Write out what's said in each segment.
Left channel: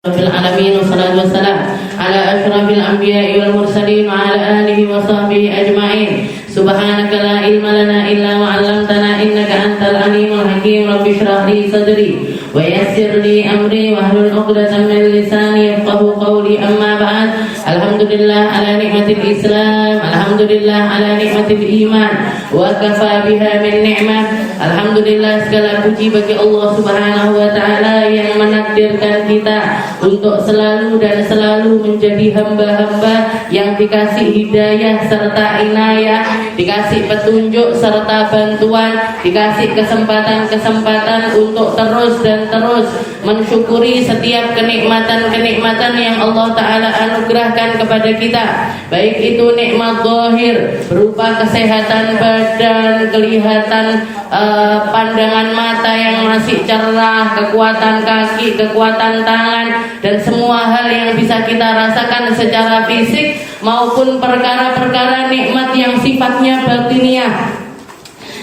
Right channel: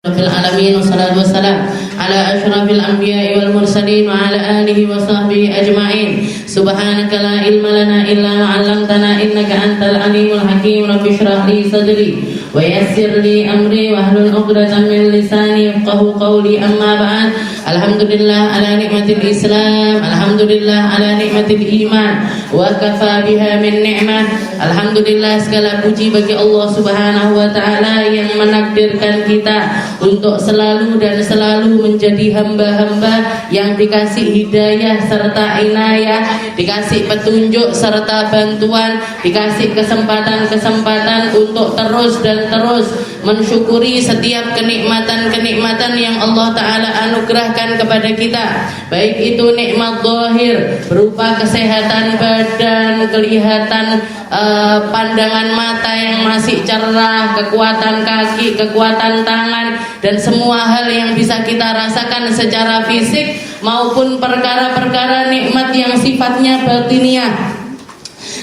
Rabbil alamin wassalatu wassalam ala asyrafil anbiya'i wal mursalin wa ala alihi wa sahbihi ajma'in. Subhanaka la ilma lana illa ma 'allamtana innaka antal alimul hakim. Rabbi shrah li sadri wa yassir li amri wa hlul 'uqdatam min lisani yafqahu qawli. Amma ba'd. Alhamdulillah ala nikmatil Islam, alhamdulillah ala nikmatil iman, wa kafa biha min ni'mah. Alhamdulillah, segala puji bagi Allah Subhanahu wa taala yang menakdirkan kita untuk selalu dan selalu menjadi hamba-hamba yang dikasih hidayah serta inayah, dikasih petunjuk serta bantuan, dikasih kesempatan-kesempatan untuk terus dan terus mensyukuri setiap kenikmatan-kenikmatan yang Allah Ta'ala anugerahkan kepada kita, baik itu nikmat zahir berupa kesehatan badan, kelihatan pandangan mata yang masih cerah, kekuatan kaki, kekuatan tangan, dan semua hal yang bisa kita rasakan secara fisik maupun perkara-perkara nikmat yang sifatnya batiniah,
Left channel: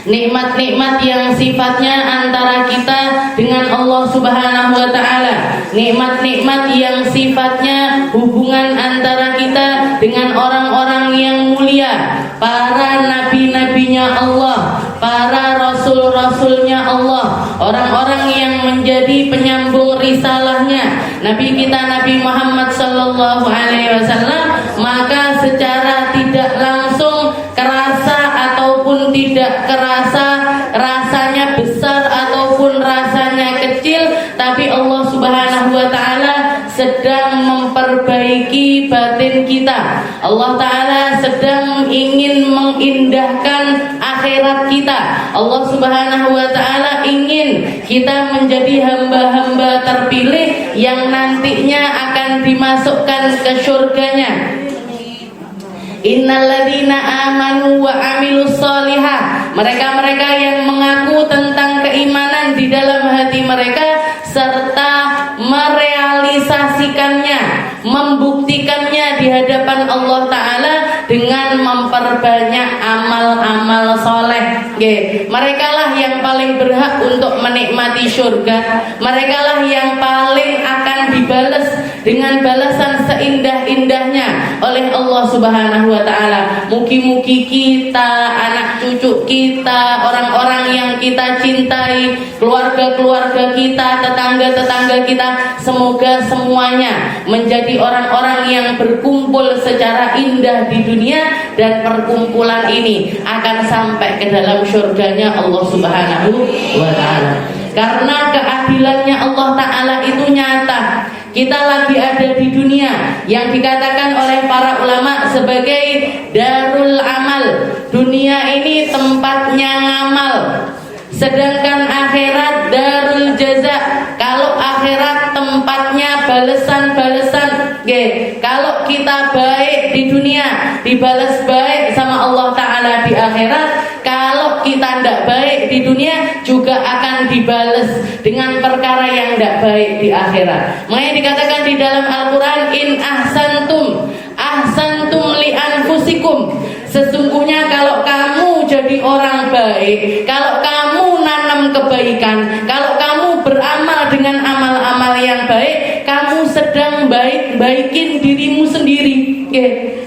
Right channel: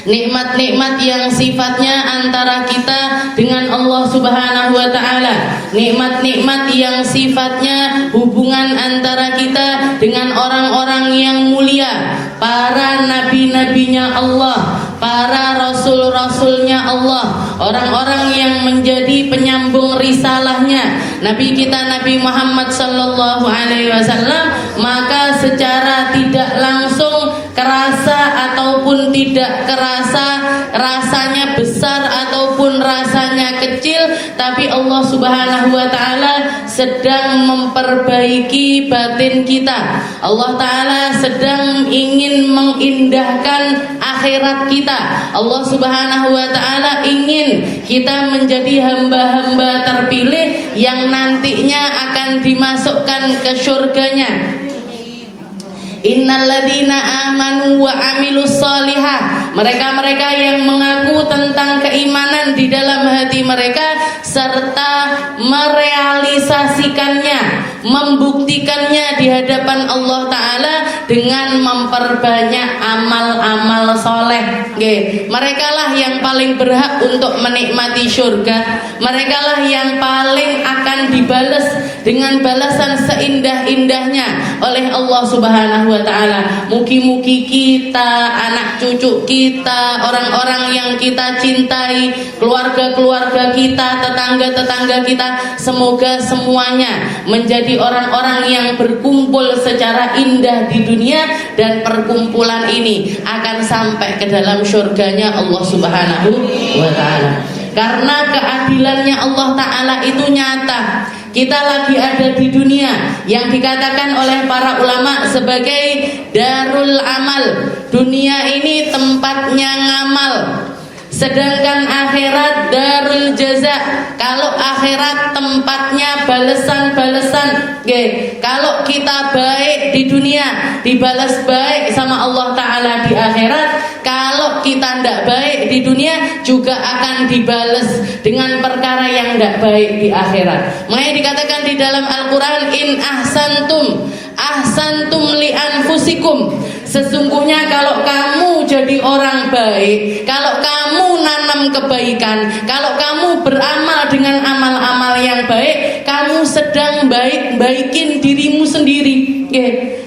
nikmat-nikmat yang sifatnya antara kita dengan Allah Subhanahu wa taala, nikmat-nikmat yang sifatnya hubungan antara kita dengan orang-orang yang mulia, para nabi-nabinya Allah, para rasul-rasulnya Allah, orang-orang yang menjadi penyambung risalahnya Nabi kita Nabi Muhammad sallallahu alaihi wasallam. Maka secara tidak langsung kerasa ataupun tidak kerasa, rasanya besar ataupun rasanya kecil, tapi Allah Subhanahu wa taala sedang memperbaiki batin kita. Allah taala sedang ingin mengindahkan akhirat kita. Allah Subhanahu wa taala ingin kita menjadi hamba-hamba terpilih yang nantinya akan dimasukkan ke surganya. Innalladzina amanu wa amilus solihah, mereka-mereka yang mengaku tentang keimanan di dalam hati mereka serta merealisasikannya, membuktikannya di hadapan Allah Ta'ala dengan memperbanyak amal-amal soleh. Mereka lah yang paling berhak untuk menikmati surga. Mereka lah yang paling akan dibalas dengan balasan seindah-indahnya oleh Allah Subhanahu wa taala. Mugi-mugi kita, anak cucu kita, orang-orang yang kita cintai, keluarga-keluarga kita, tetangga-tetangga kita, semoga semuanya menjadi orang-orang yang berkumpul secara indah di dunia, dan perkumpulan ini akan sampai ke dalam surganya Allah Subhanahu wa taala. Karena keadilannya Allah Ta'ala itu nyata. Kita lagi ada di dunia yang dikatakan oleh para ulama sebagai darul amal. Dunia ini tempatnya ngamal, sedangkan akhirat darul jaza. Kalau akhirat tempatnya balesan-balesan. Kalau kita baik di dunia, dibalas baik sama Allah Ta'ala di akhirat. Kalau kita tidak baik di dunia, juga akan dibalas dengan perkara yang tidak baik di akhirat. Makanya dikatakan di dalam Al-Quran, in ahsantum li anfusikum. Sesungguhnya kalau kamu jadi orang baik, kalau kamu nanam kebaikan, kalau kamu beramal dengan amal-amal yang baik, kamu sedang baikin dirimu sendiri.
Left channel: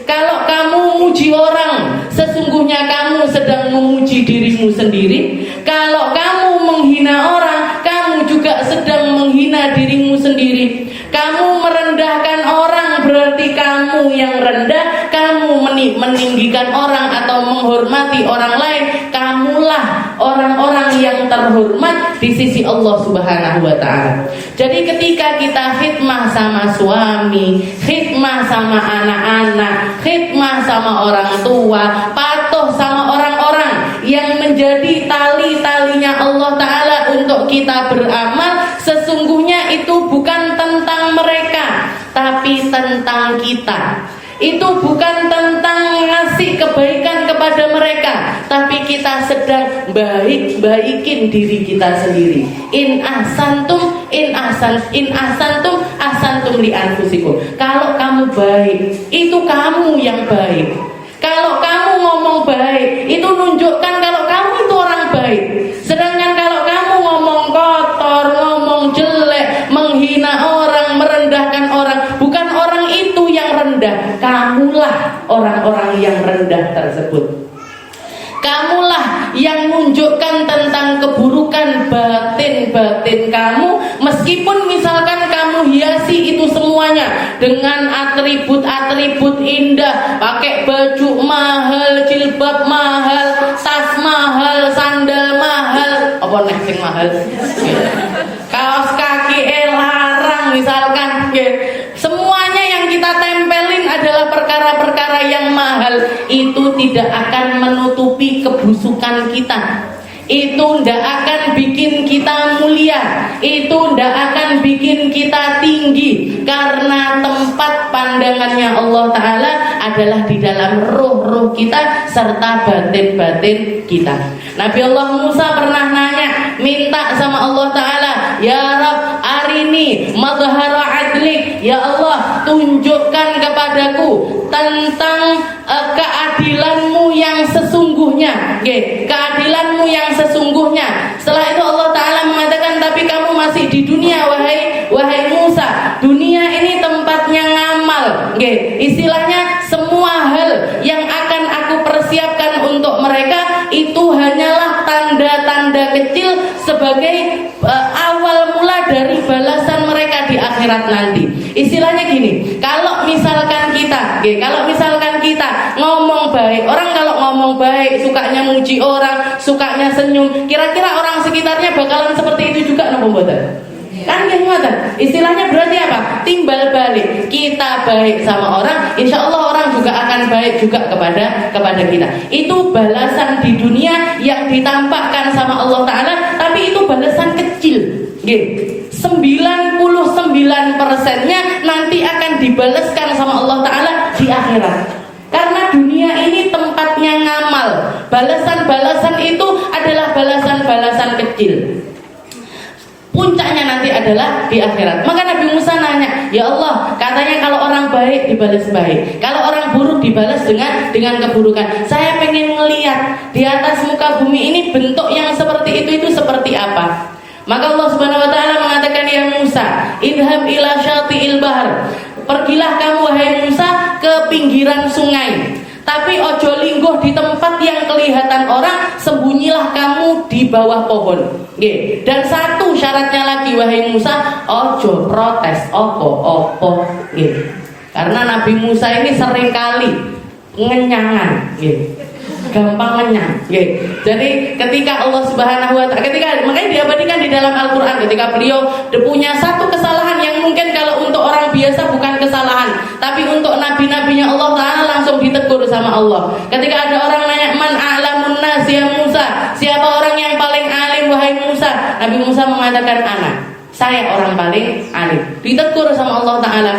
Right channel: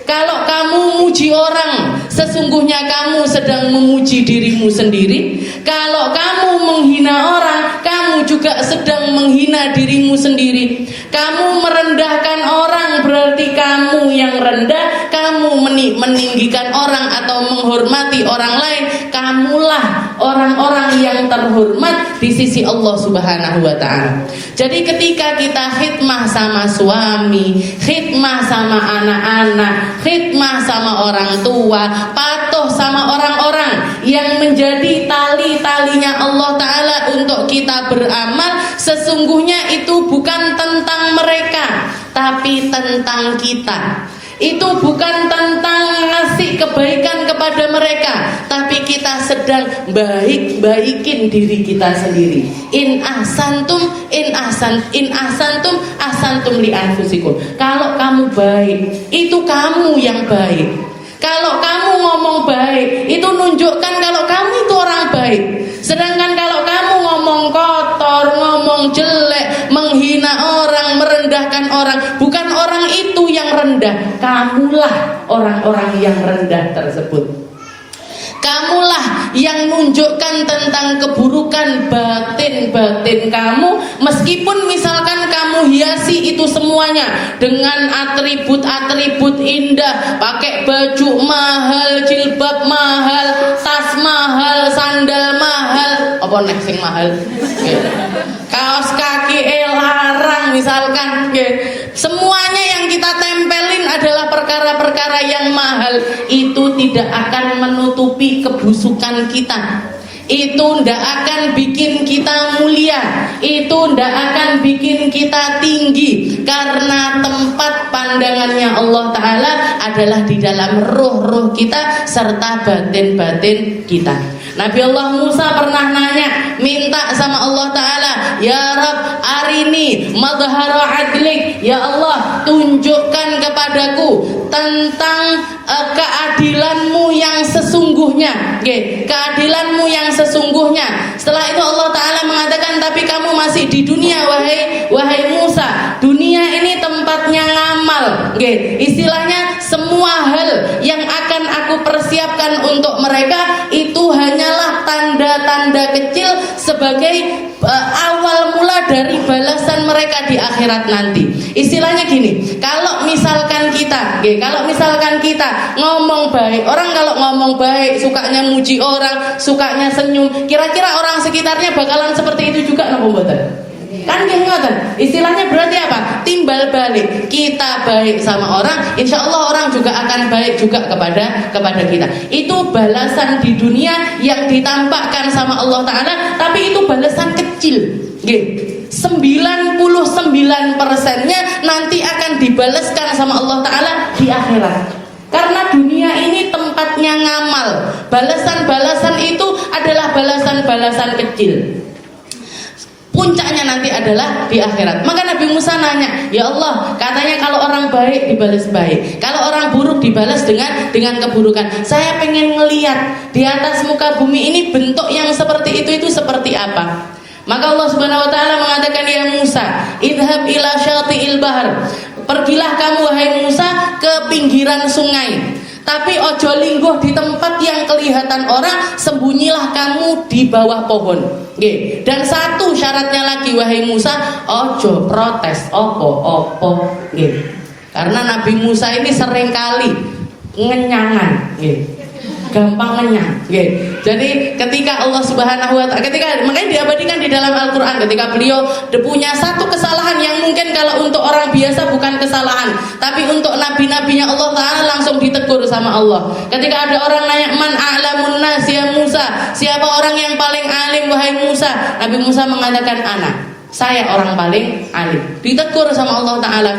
Kalau kamu memuji orang, sesungguhnya kamu sedang memuji dirimu sendiri. Kalau kamu menghina orang, kamu juga sedang menghina dirimu sendiri. Kamu merendahkan orang, berarti kamu yang rendah. Kamu meninggikan orang atau menghormati orang lain, kamulah orang-orang yang terhormat di sisi Allah Subhanahu wa ta'ala. Jadi ketika kita khidmah sama suami, khidmah sama anak-anak, khidmah sama orang tua, patuh sama orang-orang yang menjadi tali-talinya Allah Ta'ala untuk kita beramal, sesungguhnya itu bukan tentang mereka, tapi tentang kita. Itu bukan tentang ngasih kebaikan kepada mereka, tapi kita sedang baikin diri kita sendiri. In ahsantum ahsantum li anfusikum. Kalau kamu baik, itu kamu yang baik. Kalau kamu ngomong baik, itu nunjukkan kalau kamu itu orang baik. Sedangkan kalau kamu ngomong kotor, ngomong jelek, menghina orang, merendahkan merendahkan orang. Bukan orang itu yang rendah, kamulah orang-orang yang rendah tersebut. Kamulah yang menunjukkan tentang keburukan batin-batin kamu, meskipun misalkan kamu hiasi itu semuanya dengan atribut-atribut indah, pakai baju mahal, jilbab mahal, tas mahal, sandal mahal, apa nek sing mahal? Kaos kaki larang misalkan, semuanya yang kita tempelin adalah perkara-perkara yang mahal. Itu tidak akan menutupi kebusukan kita. Itu tidak akan bikin kita mulia. Itu tidak akan bikin kita tinggi. Karena tempat pandangannya Allah Ta'ala adalah di dalam ruh-ruh kita serta batin-batin kita. Nabi Allah Musa pernah nanya, minta sama Allah Ta'ala, ya Rabb arini madhara adlik, ya Allah tunjukkan kepadaku tentang keadilanmu yang sesungguhnya, keadilanmu yang sesungguhnya. Setelah itu Allah Ta'ala mengatakan, tapi kamu masih di dunia wahai Musa. Dunia ini tempatnya ngamal, istilahnya semua hal yang akan aku persiapkan untuk mereka itu hanyalah tanda-tanda kecil sebagai awal mula dari balasan mereka di akhirat nanti. Istilahnya gini, kalau misalkan kita ngomong baik, orang kalau ngomong baik sukanya muji orang, sukanya senyum, kira-kira orang sekitarnya bakalan seperti itu juga napa mboten? Kan ngoten. Istilahnya berarti apa? Timbal balik. Kita baik sama orang, insya Allah orang juga akan baik juga kepada kita. Itu balasan di dunia yang ditampakkan sama Allah Ta'ala, tapi itu balasan kecil. 99%-nya nanti akan dibalaskan sama Allah Ta'ala di akhirat. Karena dunia ini tempatnya ngamal. Balasan-balasan itu adalah balasan-balasan kecil. Puncaknya nanti adalah di akhirat. Maka Nabi Musa nanya, ya Allah, katanya kalau orang baik dibalas baik, kalau orang buruk dibalas dengan keburukan. Saya pengen ngelihat di atas muka bumi ini bentuk yang seperti itu seperti apa. Maka Allah Subhanahu wa taala mengatakan, ya Musa, idhab ila syati'il bahr. Pergilah kamu wahai Musa ke pinggiran sungai. Tapi ojo lingguh di tempat yang kelihatan orang, sembunyilah kamu di bawah pohon. Dan satu syaratnya lagi wahai Musa, ojo protes opo. Karena Nabi Musa ini seringkali ngenyangan, gampang ngenyang. Jadi ketika Allah Subhanahu wa taala, makanya diabadikan di dalam Al-Qur'an, ketika beliau punya satu kesalahan yang mungkin kalau untuk orang biasa bukan kesalahan, tapi untuk nabi-nabinya Allah Ta'ala langsung ditegur sama Allah. Ketika ada orang nanya, man a'lamun nas ya Musa, siapa orang yang paling alim wahai Musa? Nabi Musa mengatakan, ana, saya orang paling alim. Ditegur sama Allah Ta'ala,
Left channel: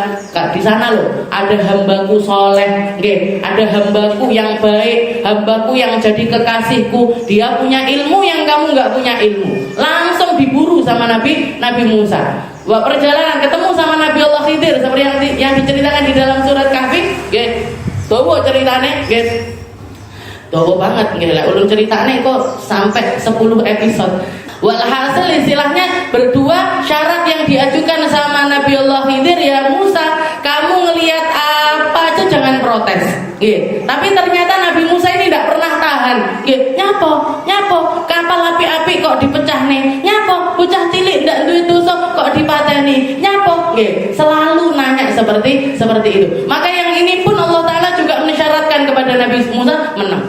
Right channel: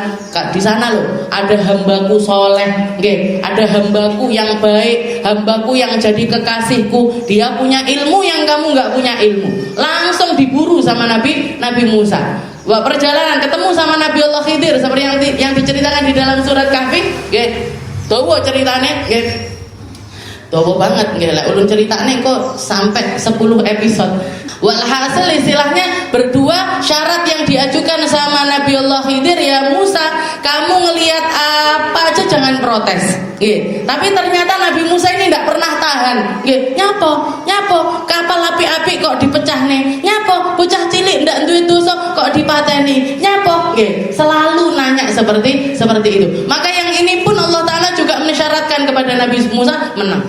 di sana loh ada hambaku soleh, ada hambaku yang baik, hambaku yang jadi kekasihku, dia punya ilmu yang kamu nggak punya ilmu. Langsung diburu sama Nabi Musa. Wah, perjalanan ketemu sama Nabi Allah Khidir seperti yang diceritakan di dalam surat Kahfi. Tuh ceritanya, tuh banget, ulun ceritanya kok sampai 10 episode. Walhasil istilahnya berdua syarat yang diajukan sama Nabi Allah Khidir, ya Musa, kamu ngelihat apa aja jangan protes. Tapi ternyata Nabi Musa ini tidak pernah tahan. Nyapo, kapal api-api kok dipecah nih. Nyapo, bocah cilik ndak duwe dosa kok dipateni. Nyapo, selalu nanya seperti itu. Maka yang ini pun Allah Ta'ala juga mensyaratkan kepada Nabi Musa menang.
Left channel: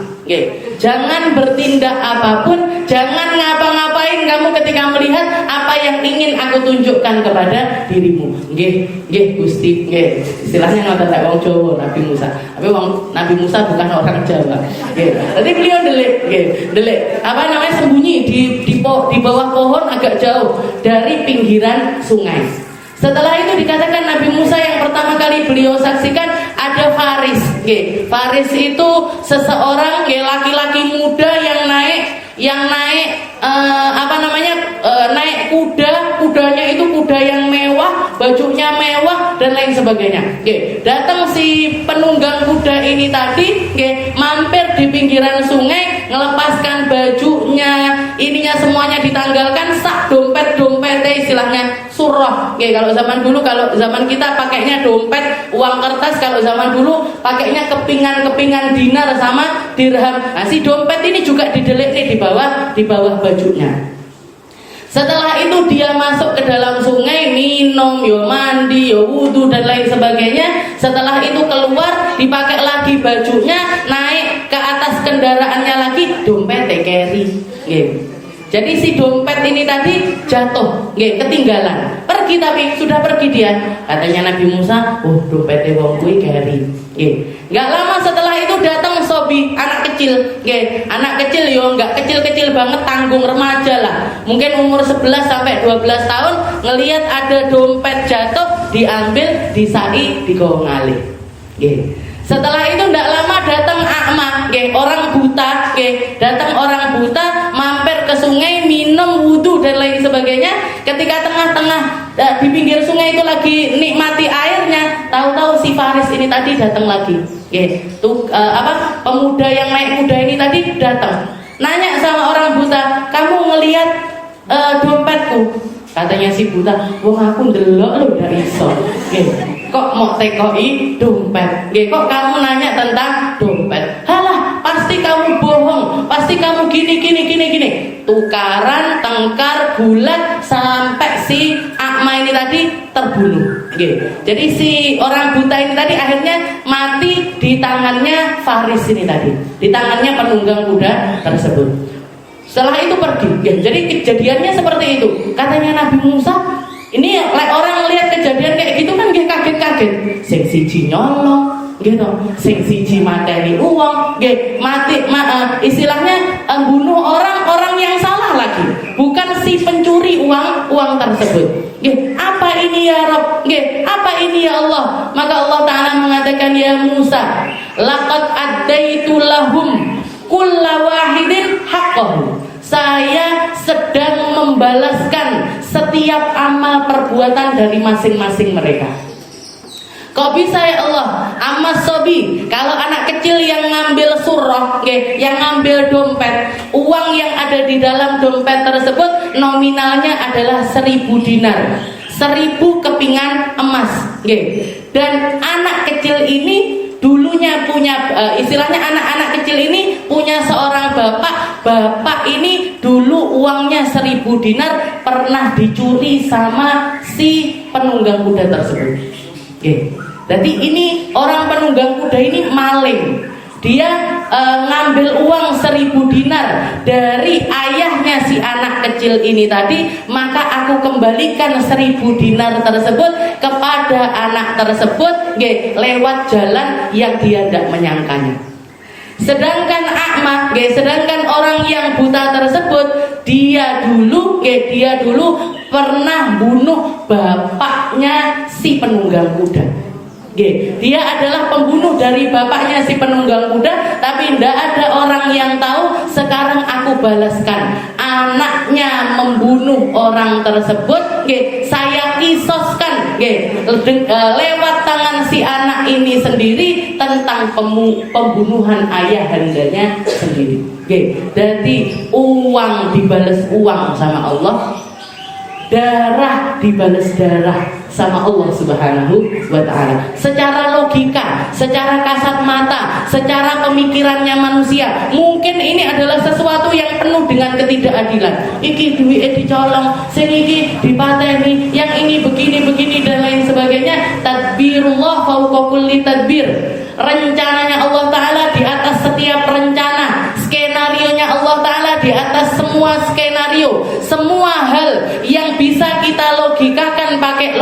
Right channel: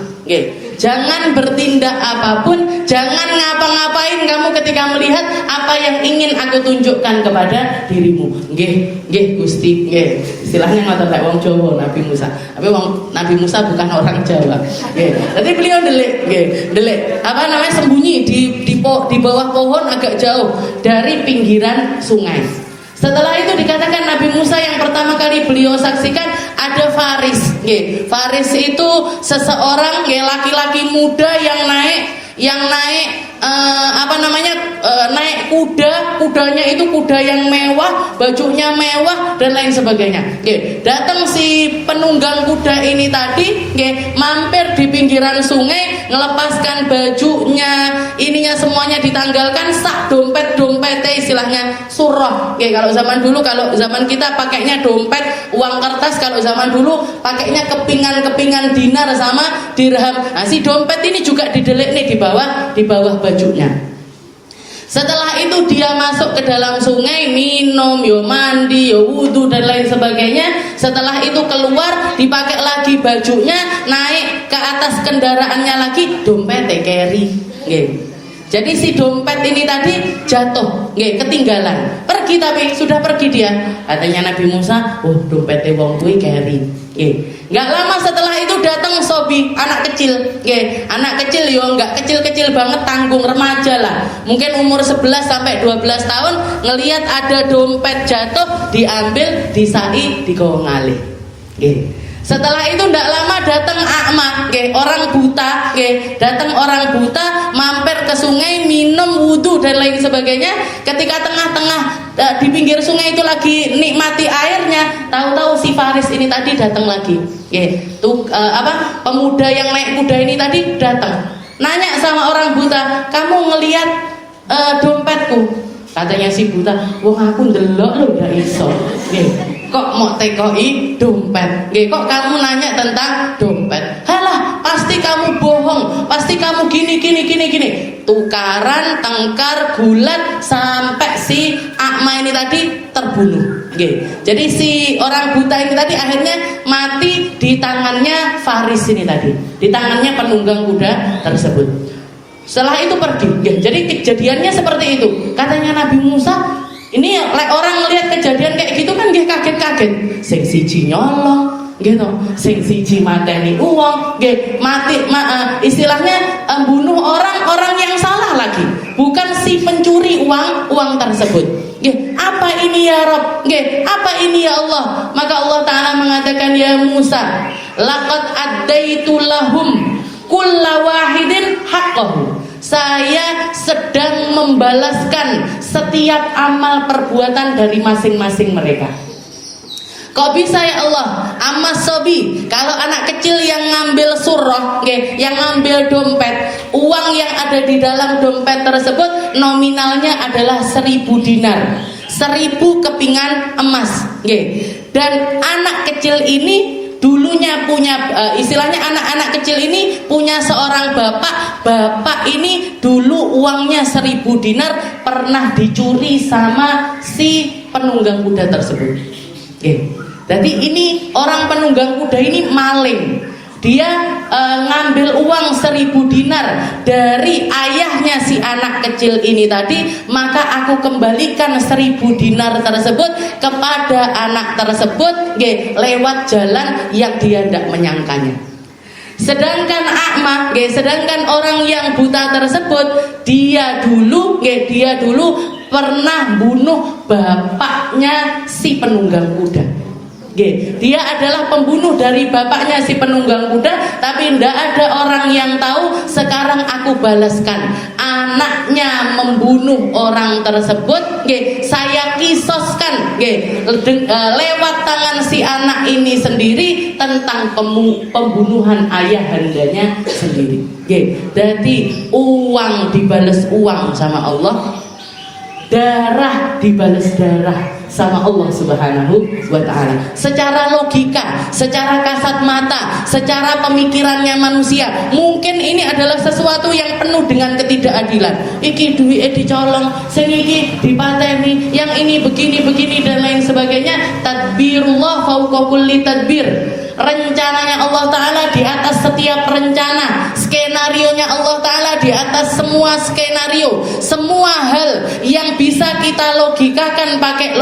Jangan bertindak apapun, jangan ngapa-ngapain kamu ketika melihat apa yang ingin aku tunjukkan kepada dirimu. Gusti, istilahnya ngoten lek wong Jawa Nabi Musa. Tapi Nabi Musa bukan orang Jawa. Jadi beliau delik sembunyi di bawah pohon agak jauh dari pinggiran sungai. Setelah itu dikatakan Nabi Musa yang pertama kali beliau saksikan ada Faris. Faris itu seseorang laki-laki muda yang naik naik kuda kudanya itu kuda yang mewah, bajunya mewah dan lain sebagainya. Datang si penunggang kuda ini tadi, mampir di pinggiran sungai, melepaskan bajunya, ininya semuanya ditanggalkan, sak dompetnya istilahnya surah. Kalau zaman dulu, kalau zaman kita pakainya dompet uang kertas, kalau zaman dulu pakainya kepingan dinar sama dirham. Nah, si dompet ini juga didelik nih di bawah bajunya. Setelah itu dia masuk ke dalam sungai, minum, mandi, wudu dan lain sebagainya. Setelah itu keluar, dipakai lagi bajunya, naik ke atas kendaraannya lagi, dompetnya carry. Jadi si dompet ini tadi jatuh, ketinggalan. Pergi, tapi sudah pergi dia. Katanya Nabi Musa, dompetnya wong kuwi carry. Nggak lama setelah itu datang sobi, anak kecil. Anak kecil nggak kecil-kecil banget, tanggung remaja lah. Mungkin umur 11 sampai 12 tahun, ngelihat ada dompet jatuh, diambil, disai, digawa ngalih. Setelah itu tidak lama datang A'ma, orang buta, datang orang buta, mampir ke sungai, minum, wudu dan lain sebagainya. Ketika tengah-tengah di pinggir sungai itu lagi nikmati airnya, tahu-tahu si Faris ini tadi datang lagi. Pemuda yang naik kuda ini tadi datang, nanya sama orang buta, kamu ngelihat dompetku? Katanya si buta, wong aku ndelok lho ndak iso. Kok mau tekoi dompet? Kok kamu nanya tentang dompet? Halah, pasti kamu bohong, pasti kamu gini. Tukaran, tengkar, gulat sampai si A'ma ini tadi terbunuh. Jadi si orang buta ini tadi akhirnya mati di tangannya Faris ini tadi, di tangannya penunggang kuda tersebut. Setelah itu pergi. Jadi kejadiannya seperti itu. Katanya Nabi Musa, ini orang melihat kejadian kayak gitu kan dia kaget-kaget. Sing siji nyolong, gitu. Sing siji mateni uang, mati, istilahnya bunuh orang yang salah lagi, bukan si pencuri uang tersebut. Apa ini ya Rabb? Apa ini ya Allah? Maka Allah Ta'ala mengatakan, ya Musa, laqad addaitu lahum kulla wahidin haqqahu. Saya sedang membalaskan setiap amal perbuatan dari masing-masing mereka. Kok bisa ya Allah? Amas sobi, kalau anak kecil yang ngambil surah, yang ngambil dompet, uang yang ada di dalam dompet tersebut nominalnya adalah 1000 dinar, 1000 kepingan emas. Dan anak kecil ini dulunya punya, istilahnya anak-anak kecil ini punya seorang bapak ini dulu uangnya 1000 dinar pernah dicuri sama si penunggang kuda tersebut. Jadi ini orang penunggang kuda ini maling, dia ngambil uang 1000 dinar dari ayahnya si anak kecil ini tadi, maka aku kembalikan 1000 dinar tersebut kepada anak tersebut lewat jalan yang dia tidak menyangkanya. Sedangkan A'ma, sedangkan orang yang buta tersebut, dia dulu pernah bunuh bapaknya si penunggang kuda. Dia adalah pembunuh dari bapaknya si penunggang kuda, tapi tidak ada orang yang tahu. Sekarang aku balaskan, anaknya membunuh orang tersebut, saya kisoskan lewat tangan si anak ini sendiri tentang pembunuhan ayahandanya sendiri. Jadi uang dibalas uang sama Allah, darah dibalas darah sama Allah Subhanahu wa Ta'ala. Secara logika, secara kasat mata, secara pemikirannya manusia, mungkin ini adalah sesuatu yang penuh dengan ketidakadilan. Iki duit dicolong, sing iki dipateni, yang ini begini dan lain sebagainya. Tadbirullah fauqa kulli tadbir. Rencananya Allah Ta'ala di atas setiap rencana, skenarionya Allah Ta'ala di atas semua skenario. Semua hal yang bisa kita logikakan pakai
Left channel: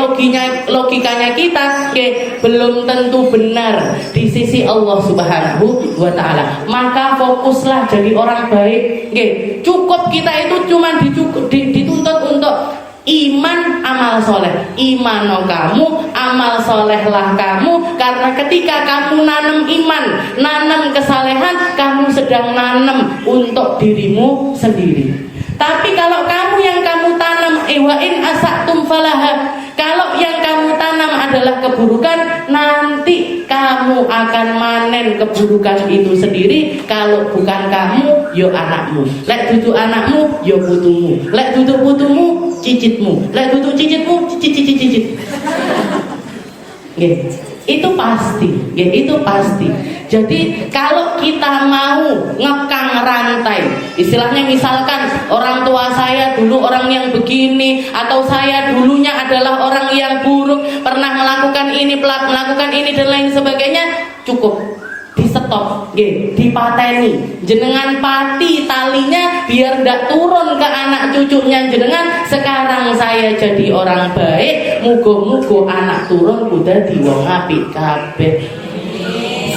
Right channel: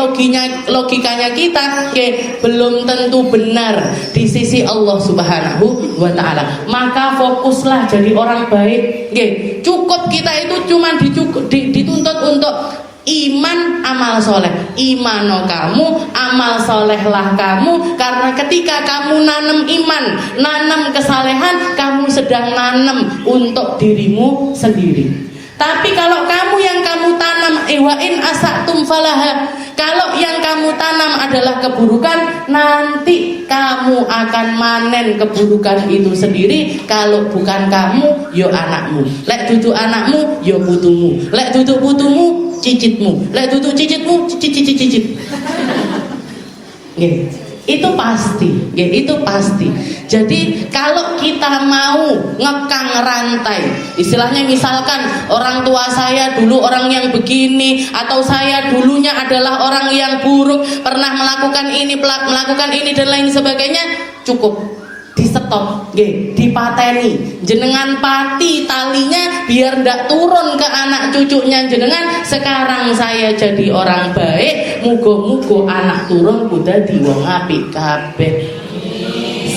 logikanya kita, belum tentu benar di sisi Allah Subhanahu wa Ta'ala. Maka fokuslah jadi orang baik. Cukup kita itu cuma dituntut untuk iman, amal soleh. Imano kamu, amal solehlah kamu. Karena ketika kamu nanam iman, nanam kesalehan, kamu sedang nanam untuk dirimu sendiri. Tapi kalau kamu yang kamu tanam wa in asatum falaha. Kalau yang kamu tanam adalah keburukan, nanti kamu akan manen keburukan itu sendiri. Kalau bukan kamu, yo anakmu. Lek dudu anakmu, yo putumu. Lek dudu putumu, cicitmu. Lek dudu cicitmu, cicit. Itu pasti, itu pasti. Jadi kalau kita mau ngekang rantai, istilahnya misalkan orang tua saya dulu orang yang begini, atau saya dulunya adalah orang yang buruk, pernah melakukan ini dan lain sebagainya, cukup di stop, dipateni, jenengan pati talinya biar ndak turun ke anak cucunya jenengan. Sekarang saya jadi orang baik, mugo-mugo anak turun udah di wong apik kabeh.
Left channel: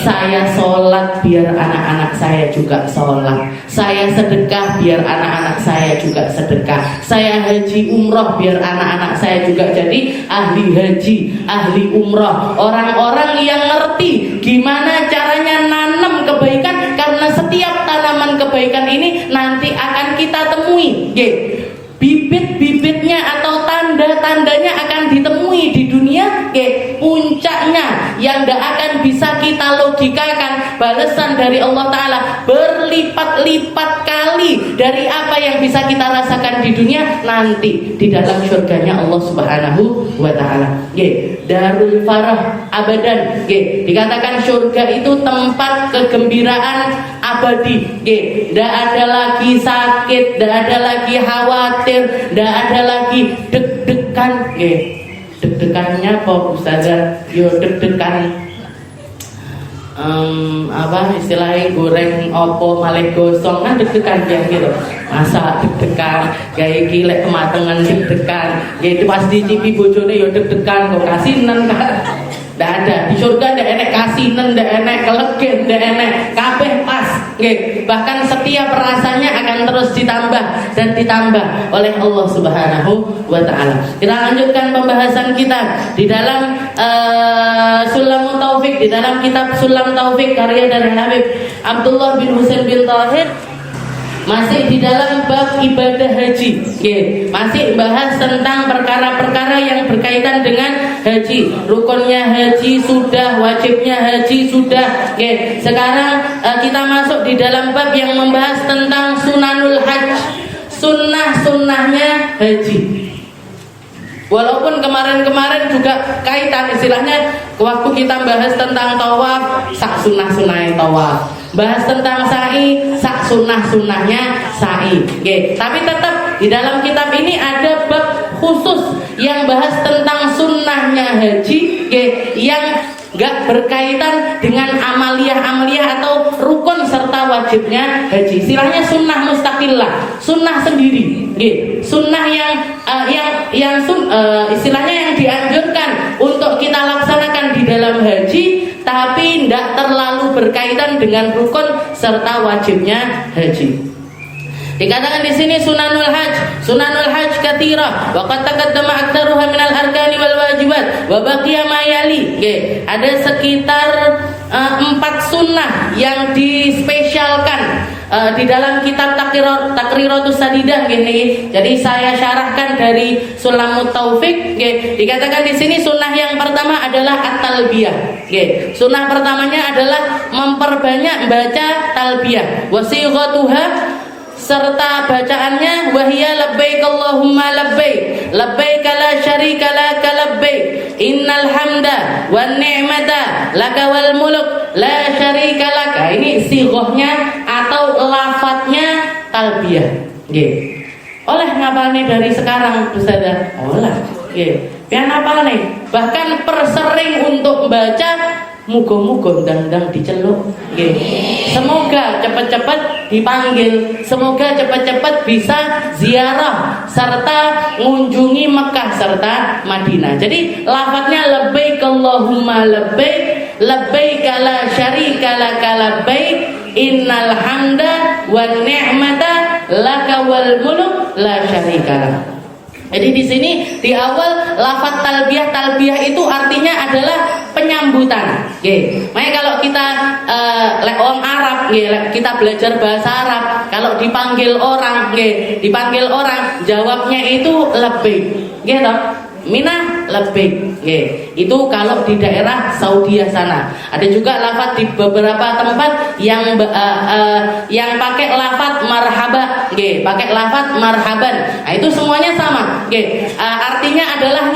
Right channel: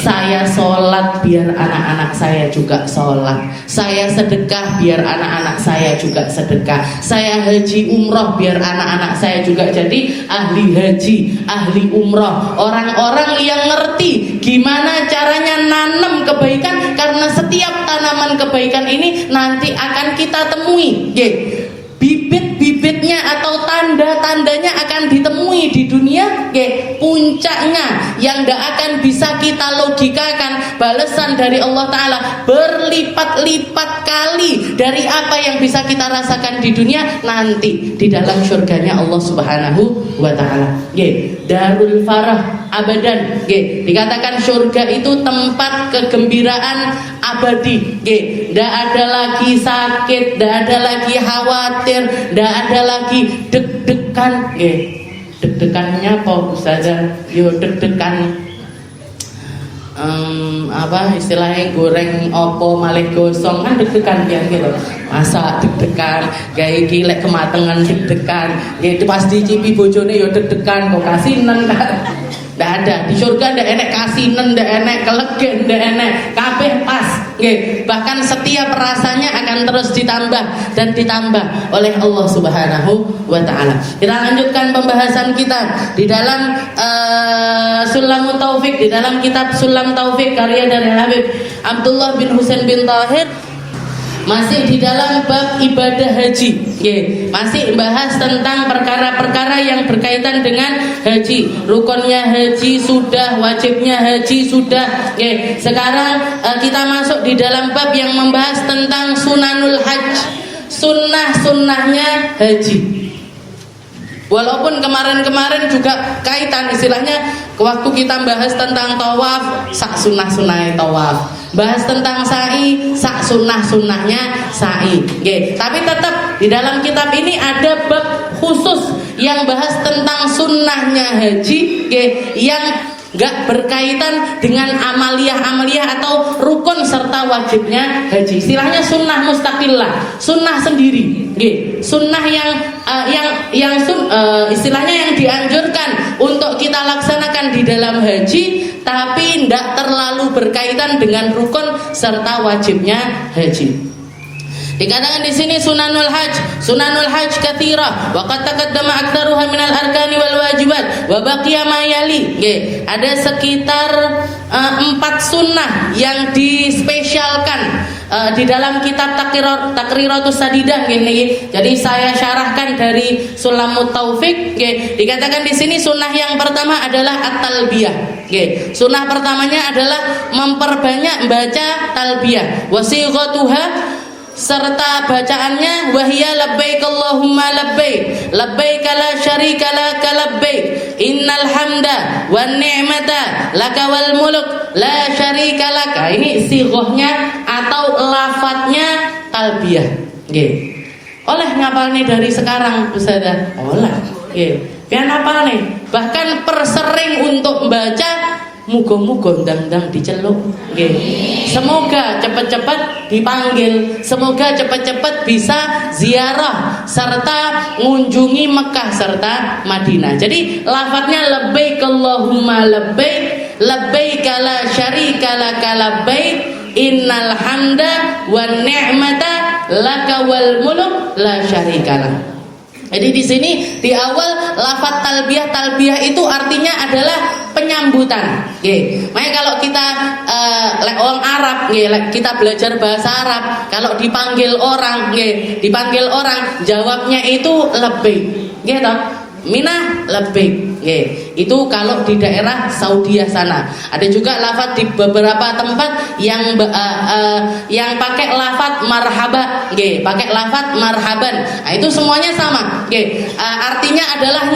Saya sholat biar anak-anak saya juga sholat. Saya sedekah biar anak-anak saya juga sedekah. Saya haji umroh biar anak-anak saya juga jadi ahli haji, ahli umroh. Orang-orang yang ngerti gimana caranya nanam kebaikan, karena setiap tanaman kebaikan ini nanti akan kita temui. Bibit-bibitnya atau tanda-tandanya akan ditemui di dunia. Puncaknya yang tidak akan bisa kita logikakan, balasan dari Allah Ta'ala berlipat-lipat kali dari apa yang bisa kita rasakan di dunia, nanti di dalam surganya Allah Subhanahu wa Ta'ala. Darul farah abadan. Dikatakan surga itu tempat kegembiraan abadi. Tidak ada lagi sakit, tidak ada lagi khawatir, tidak ada lagi deg-degan. Deg-degannya apa Ustazah? Yo deg-degan apa istilahnya, goreng opo malih gosong kan deg-degan ya gitu. Masa deg-degan gawe gilek kematangan deg-degan. Itu pas dicipi bojone yo deg-degan, kok kasinan kan. Nggak ada di surga, nggak enek kasinan, nggak enek kelegen, nggak enek, kabeh pas. Bahkan setiap rasanya akan terus ditambah dan ditambah oleh Allah Subhanahu wa Ta'ala. Kita lanjutkan pembahasan kita di dalam Sulamut Taufik, di dalam kitab Sulam Taufik karya dari Habib Abdullah bin Husain bin Tahir. Masih di dalam bab ibadah haji, masih bahas tentang perkara-perkara yang berkaitan dengan haji. Rukunnya haji sudah, wajibnya haji sudah. Sekarang kita masuk di dalam bab yang membahas tentang sunanul hajj, sunnah-sunnahnya haji. Walaupun kemarin-kemarin juga kaitan, istilahnya waktu kita bahas tentang tawaf, sak sunnah-sunnahnya tawaf, bahas tentang sa'i, sak sunnah-sunnahnya sa'i. Tapi tetap di dalam kitab ini ada bab khusus yang bahas tentang sunnahnya haji, yang gak berkaitan dengan amaliyah-amaliyah atau rukun serta wajibnya haji. Istilahnya sunnah mustaqillah, sunnah sendiri. Sunnah istilahnya yang dianjurkan untuk kita laksanakan di dalam haji, tapi tidak terlalu berkaitan dengan rukun serta wajibnya haji. Dikatakan di sini sunanul hajj katsira wa qad taqaddama aktsaruha minal arkani wal wajibat wa baqiya ma yali. Ada sekitar 4 sunnah yang dispesialkan di dalam kitab Takriratus Sadidah gini. Jadi saya syarahkan dari Sulamut Taufik. Dikatakan di sini sunnah yang pertama adalah at-talbiyah. Sunnah pertamanya adalah memperbanyak baca talbiyah. Wasighatuha, serta bacaannya, wahia labbaik Allahumma labbaik labbaik la syarika laka labbaik innal hamda wan ni'mata laka wal mulk la syarika laka. Ini sighahnya atau lafadznya talbiyah. Oleh ngapalne dari sekarang Ustazah? Olah. Pian apalne? Bahkan persering untuk membaca, muga-muga ndang-ndang diceluk. Semoga cepat-cepat dipanggil, semoga cepat-cepat bisa ziarah serta mengunjungi Mekah serta Madinah. Jadi lafadznya labbaik Allahumma labbaik labbaik la syarika laka labbaik innal hamda wan ni'mata laka wal mulk la syarika lak. Jadi di sini di awal lafaz talbiyah itu artinya adalah penyambutan. Makanya kalau kita lek wong Arab nggih, lek kita belajar bahasa Arab, kalau dipanggil orang nggih, dipanggil orang jawabnya itu lebih. Nggih toh? Mina lebih, itu kalau di daerah Saudi sana. Ada juga lafaz di beberapa tempat yang pakai lafaz marhaba, pakai lafaz marhaban. Nah, itu semuanya sama, artinya adalah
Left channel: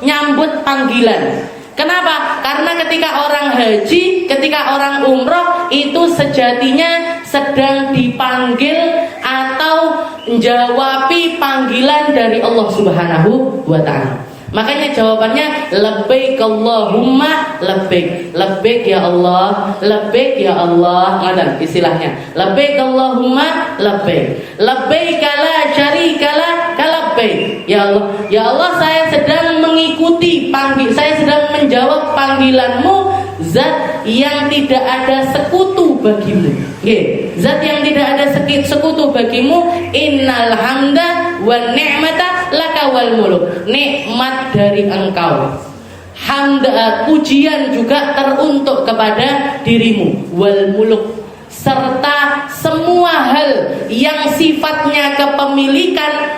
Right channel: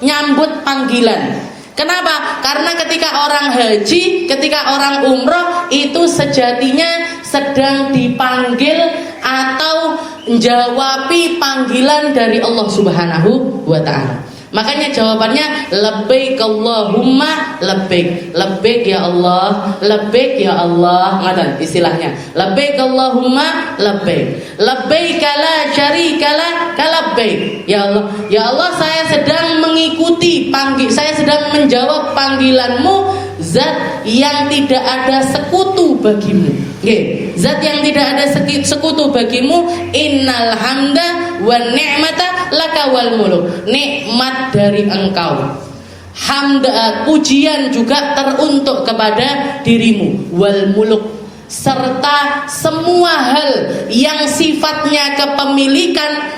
nyambut panggilan. Kenapa? Karena ketika orang haji, ketika orang umroh itu sejatinya sedang dipanggil atau menjawabi panggilan dari Allah Subhanahu wa ta'ala. Makanya jawabannya labbaik Allahumma labbaik. Labbaik ya Allah, labbaik ya Allah. Ada istilahnya. Labbaik Allahumma labbaik. Labbaik la syarika lak labbaik. Ya Allah, ya Allah, saya sedang mengikuti saya sedang menjawab panggilanmu, zat yang tidak ada sekutu bagimu. Zat yang tidak ada sekutu bagimu. Innal hamda wan ni'mata laka wal muluk. Nikmat dari engkau, hamda, pujian juga teruntuk kepada dirimu, wal muluk, serta semua hal yang sifatnya kepemilikan,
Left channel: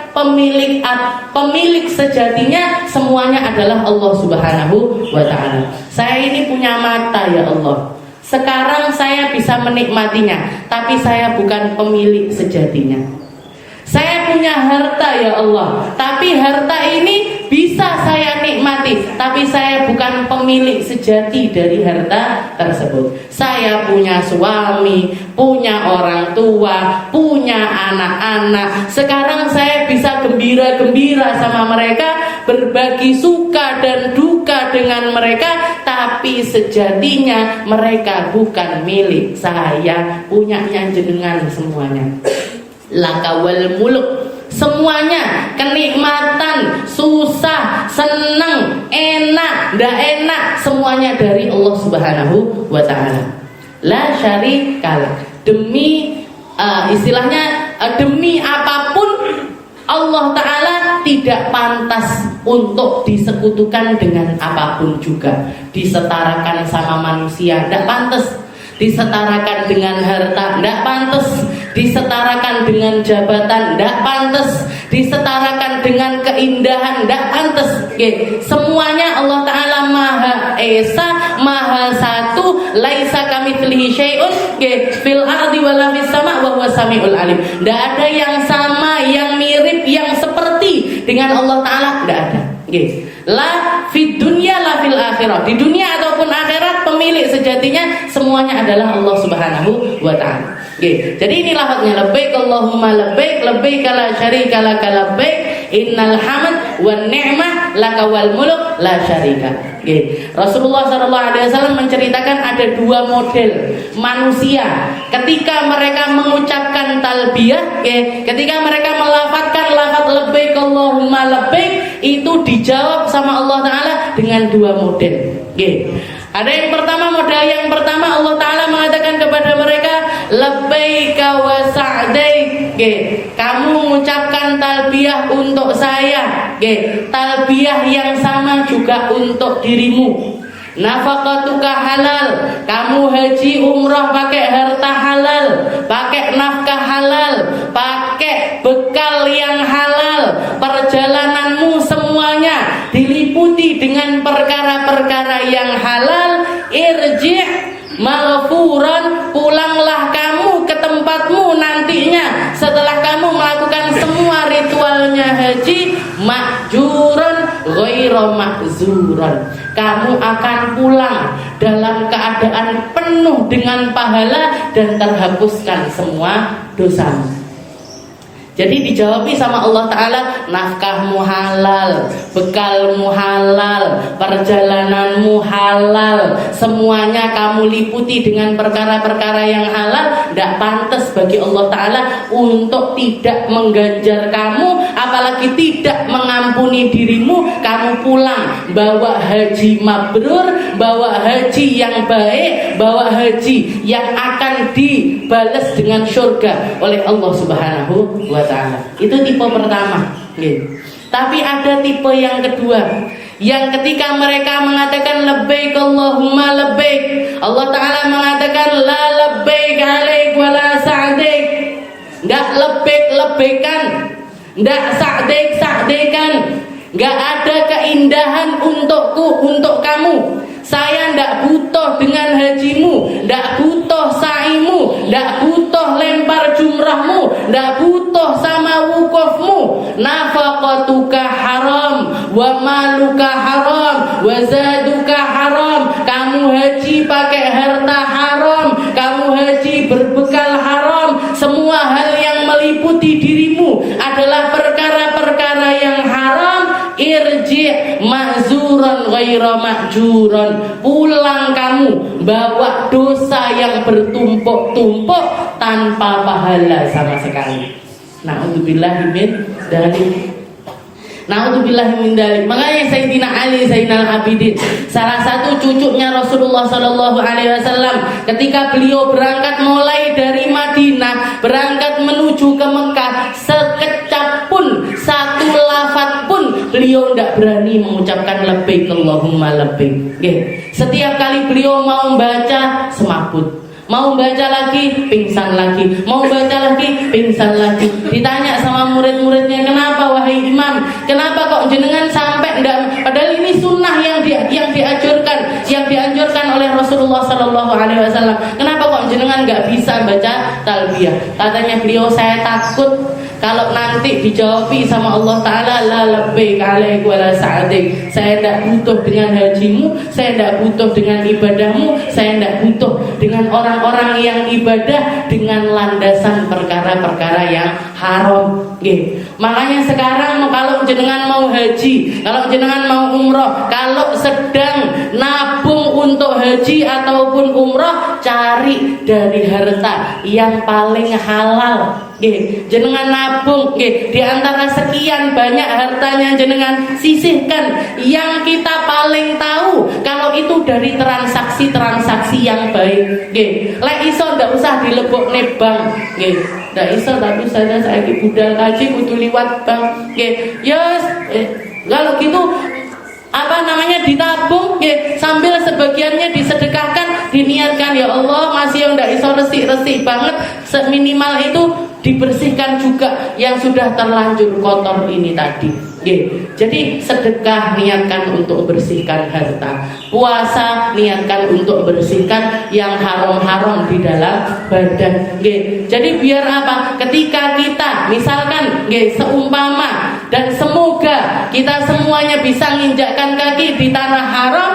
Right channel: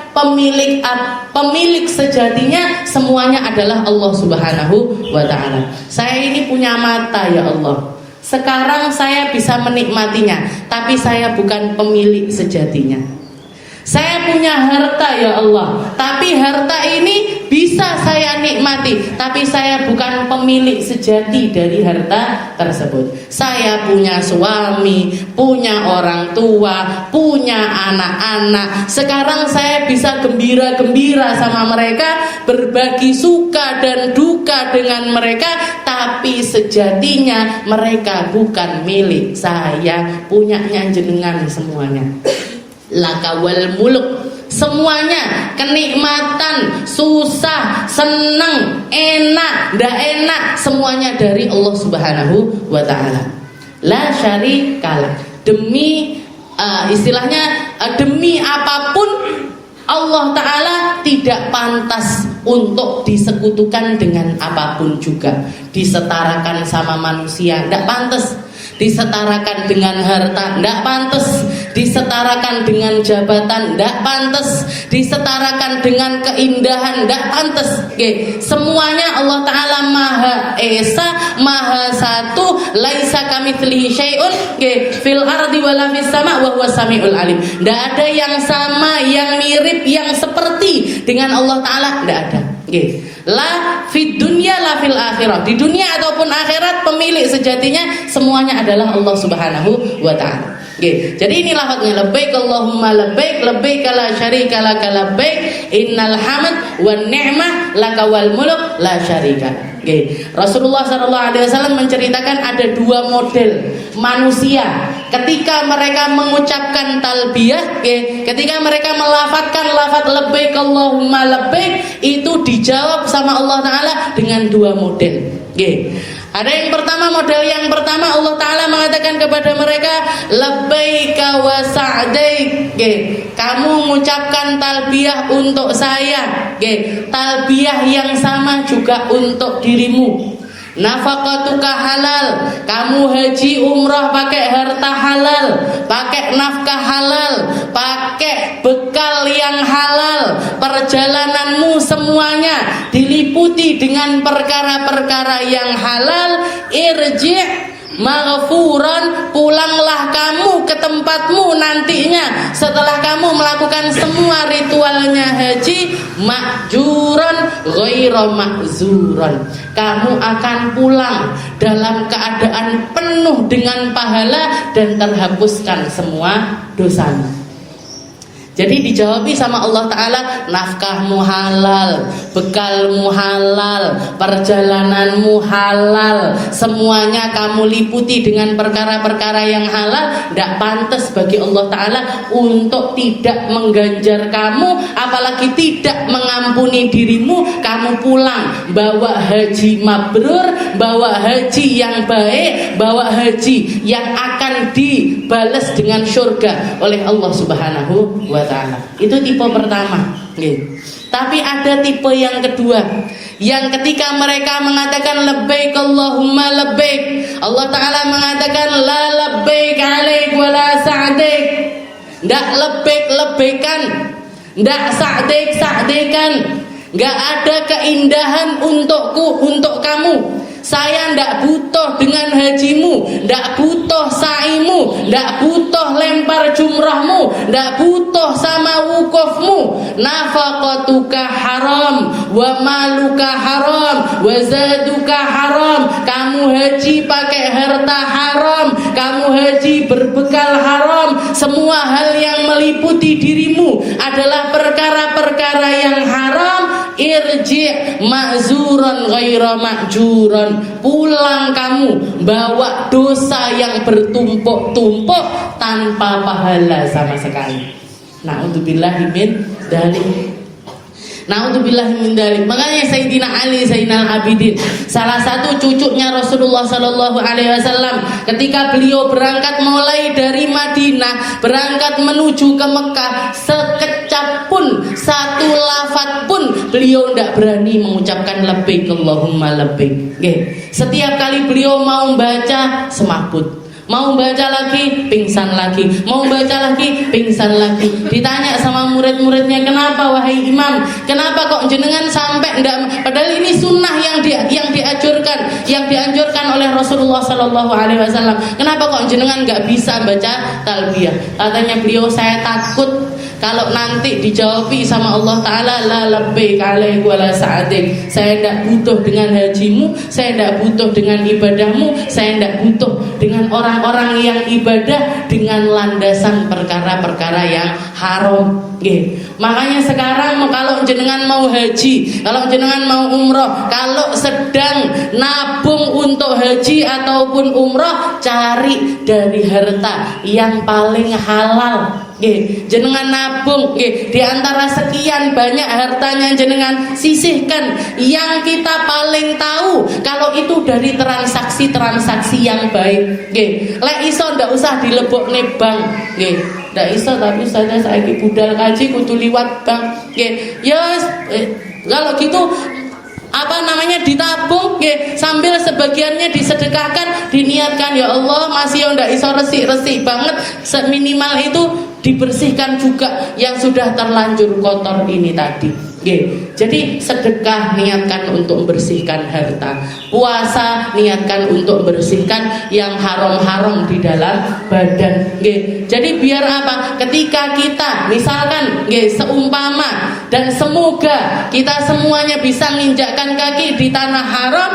pemilik sejatinya semuanya adalah Allah Subhanahu wa ta'ala. Saya ini punya mata ya Allah, sekarang saya bisa menikmatinya, tapi saya bukan pemilik sejatinya. Saya punya harta ya Allah, tapi harta ini bisa saya nikmati, tapi saya bukan pemilik sejati dari harta tersebut. Saya punya suami, punya orang tua, punya anak-anak. Sekarang saya bisa gembira-gembira sama mereka, berbagi suka dan duka dengan mereka, tapi sejatinya mereka bukan milik saya, punyanya jenengan semuanya. Lakawal muluk, semuanya kenikmatan, susah, senang, enak, ndak enak, semuanya dari Allah Subhanahu wa ta'ala. La syarikalah, demi istilahnya demi apapun Allah ta'ala tidak pantas untuk disekutukan dengan apapun juga. Disetarakan sama manusia, ndak pantas. Disetarakan dengan harta, tidak pantas. Disetarakan dengan jabatan, tidak pantas. Disetarakan dengan keindahan, tidak pantas. Semuanya Allah Ta'ala Maha Esa, Maha Satu, laisa kamitslihi syai'un fil ardi wala fis sama' wa huwas samiul alim. Tidak ada yang sama, yang mirip, yang seperti dengan Allah Ta'ala, tidak ada. La fid dunya la fil akhirah, di dunia ataupun akhirat pemilik sejatinya semuanya adalah Allah Subhanahu wa ta'ala. Jadi ini lafaznya labbaik Allahumma labbaik, labbaik la syarika laka labbaik, innal hamd wan ni'mah laka wal mulk la syarika. Rasulullah SAW menceritakan ada dua model manusia ketika mereka mengucapkan talbiyah, ketika mereka melafazkan lafaz labbaik Allahumma labbaik, itu dijawab sama Allah Ta'ala dengan dua model. Ada yang pertama, model yang pertama Allah Ta'ala mengatakan kepada mereka labbaika wa sa'daik, kamu mengucapkan talbiyah untuk saya, talbiyah yang sama juga untuk dirimu. Nafaqatuka halal, kamu haji umrah pakai harta halal, pakai nafkah halal, pakai bekal yang halal, perjalananmu semuanya diliputi dengan perkara-perkara yang halal. Irji' maghfuran, pulanglah kamu ke tempatmu nantinya setelah kamu melakukan semua ritualnya haji, ma'juran ghaira ma'zuran, kamu akan pulang dalam keadaan penuh dengan pahala dan terhapuskan semua dosamu. Jadi dijawabi sama Allah Ta'ala, nafkahmu halal, bekalmu halal, perjalananmu halal, semuanya kamu liputi dengan perkara-perkara yang halal. Tidak pantas bagi Allah Ta'ala untuk tidak mengganjar kamu, apalagi tidak mengampuni dirimu. Kamu pulang bawa haji mabrur, bawa haji yang baik, bawa haji yang akan dibalas dengan surga oleh Allah Subhanahu wa ta'ala. Itu tipe pertama. Tapi ada tipe yang kedua, yang ketika mereka mengatakan labbaik Allahumma labbaik, Allah Ta'ala mengatakan ndak lebek-lebekan, ndak sa'dek-sa'dekan. Nggak ada keindahan untukku, untuk kamu. Saya ndak butuh dengan hajimu, ndak butuh sa'imu, ndak butuh lempar jumrahmu, ndak butuh sama wukufmu. Nafaqatuka haram, wa maluka haram, wa zaduka haram. Kamu haji pakai harta haram, kamu haji berbekal haram. Semua hal yang meliputi dirimu adalah perkara-perkara yang haram. Irji' ma'zuran ghaira ma'juran. Pulang kamu bawa dosa yang bertumpuk-tumpuk tanpa pahala sama sekali. Na'udzubillahi min dzalik. Na'udzubillahi min dzalik. Makanya Sayyidina Ali Zainal Abidin, salah satu cucunya Rasulullah sallallahu alaihi wasallam, ketika beliau berangkat mulai dari Madinah, berangkat menuju ke Mekah, sekecap pun, satu lafaz pun beliau tidak berani mengucapkan labbaik Allahumma labbaik. Setiap kali beliau mau baca semaput, mau baca lagi pingsan lagi, mau baca lagi pingsan lagi. Ditanya sama murid-muridnya, kenapa wahai imam, kenapa kok jenengan sampai enggak, padahal ini sunnah yang dianjurkan oleh Rasulullah sallallahu alaihi wasallam. Kenapa kok jenengan enggak bisa baca talbiyah? Katanya beliau, saya takut kalau nanti dijawabi sama Allah Ta'ala, la labbaik alaik wa la sa'adik. Saya tidak butuh dengan hajimu, saya tidak butuh dengan ibadahmu, saya tidak butuh dengan orang-orang yang ibadah dengan landasan perkara-perkara yang haram. Makanya sekarang kalau jenengan mau haji, kalau jenengan mau umroh, kalau sedang nabung untuk haji ataupun umroh, cari dari harta yang paling halal. Jenengan nabung, di antara sekian banyak hartanya jenengan sisihkan yang kita paling tahu kalau itu dari transaksi-transaksi yang baik. Lek iso ndak usah dilebokne bank. Ndak iso, tapi saya saiki budal kaji kudu liwat bank. Yes, kalau gitu ditabung, sambil sebagiannya disedekahkan, diniatkan, ya Allah masih yang ndak iso resik-resik banget, seminimal itu dibersihkan juga yang sudah terlanjur kotor ini tadi. Jadi sedekah niatkan untuk membersihkan harta, puasa niatkan untuk membersihkan yang haram-haram di dalam badan. Jadi biar apa? Ketika kita misalkan seumpama dan semoga kita semuanya bisa menginjakkan kaki di tanah haram,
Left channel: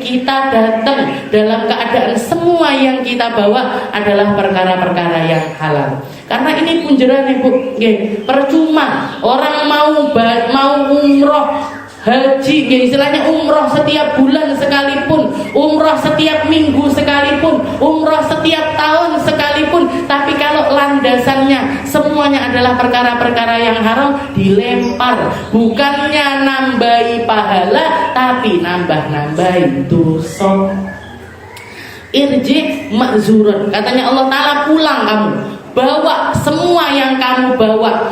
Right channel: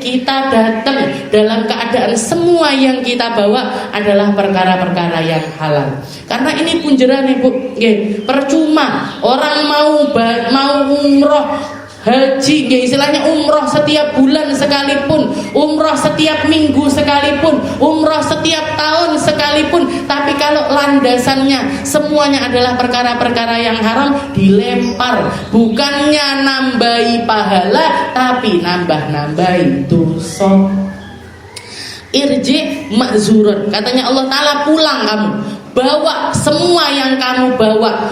kita datang dalam keadaan semua yang kita bawa adalah perkara-perkara yang halal. Karena ini punjeran Bu, percuma orang mau umroh haji, istilahnya umroh setiap bulan sekalipun, umroh setiap minggu sekalipun, umroh setiap tahun sekalipun, tapi kalau landasannya semuanya adalah perkara-perkara yang haram, dilempar, bukannya nambahi pahala tapi nambah-nambahi dosa. Irji ma'zuran, katanya Allah Ta'ala, pulang kamu, bawa semua yang kamu bawa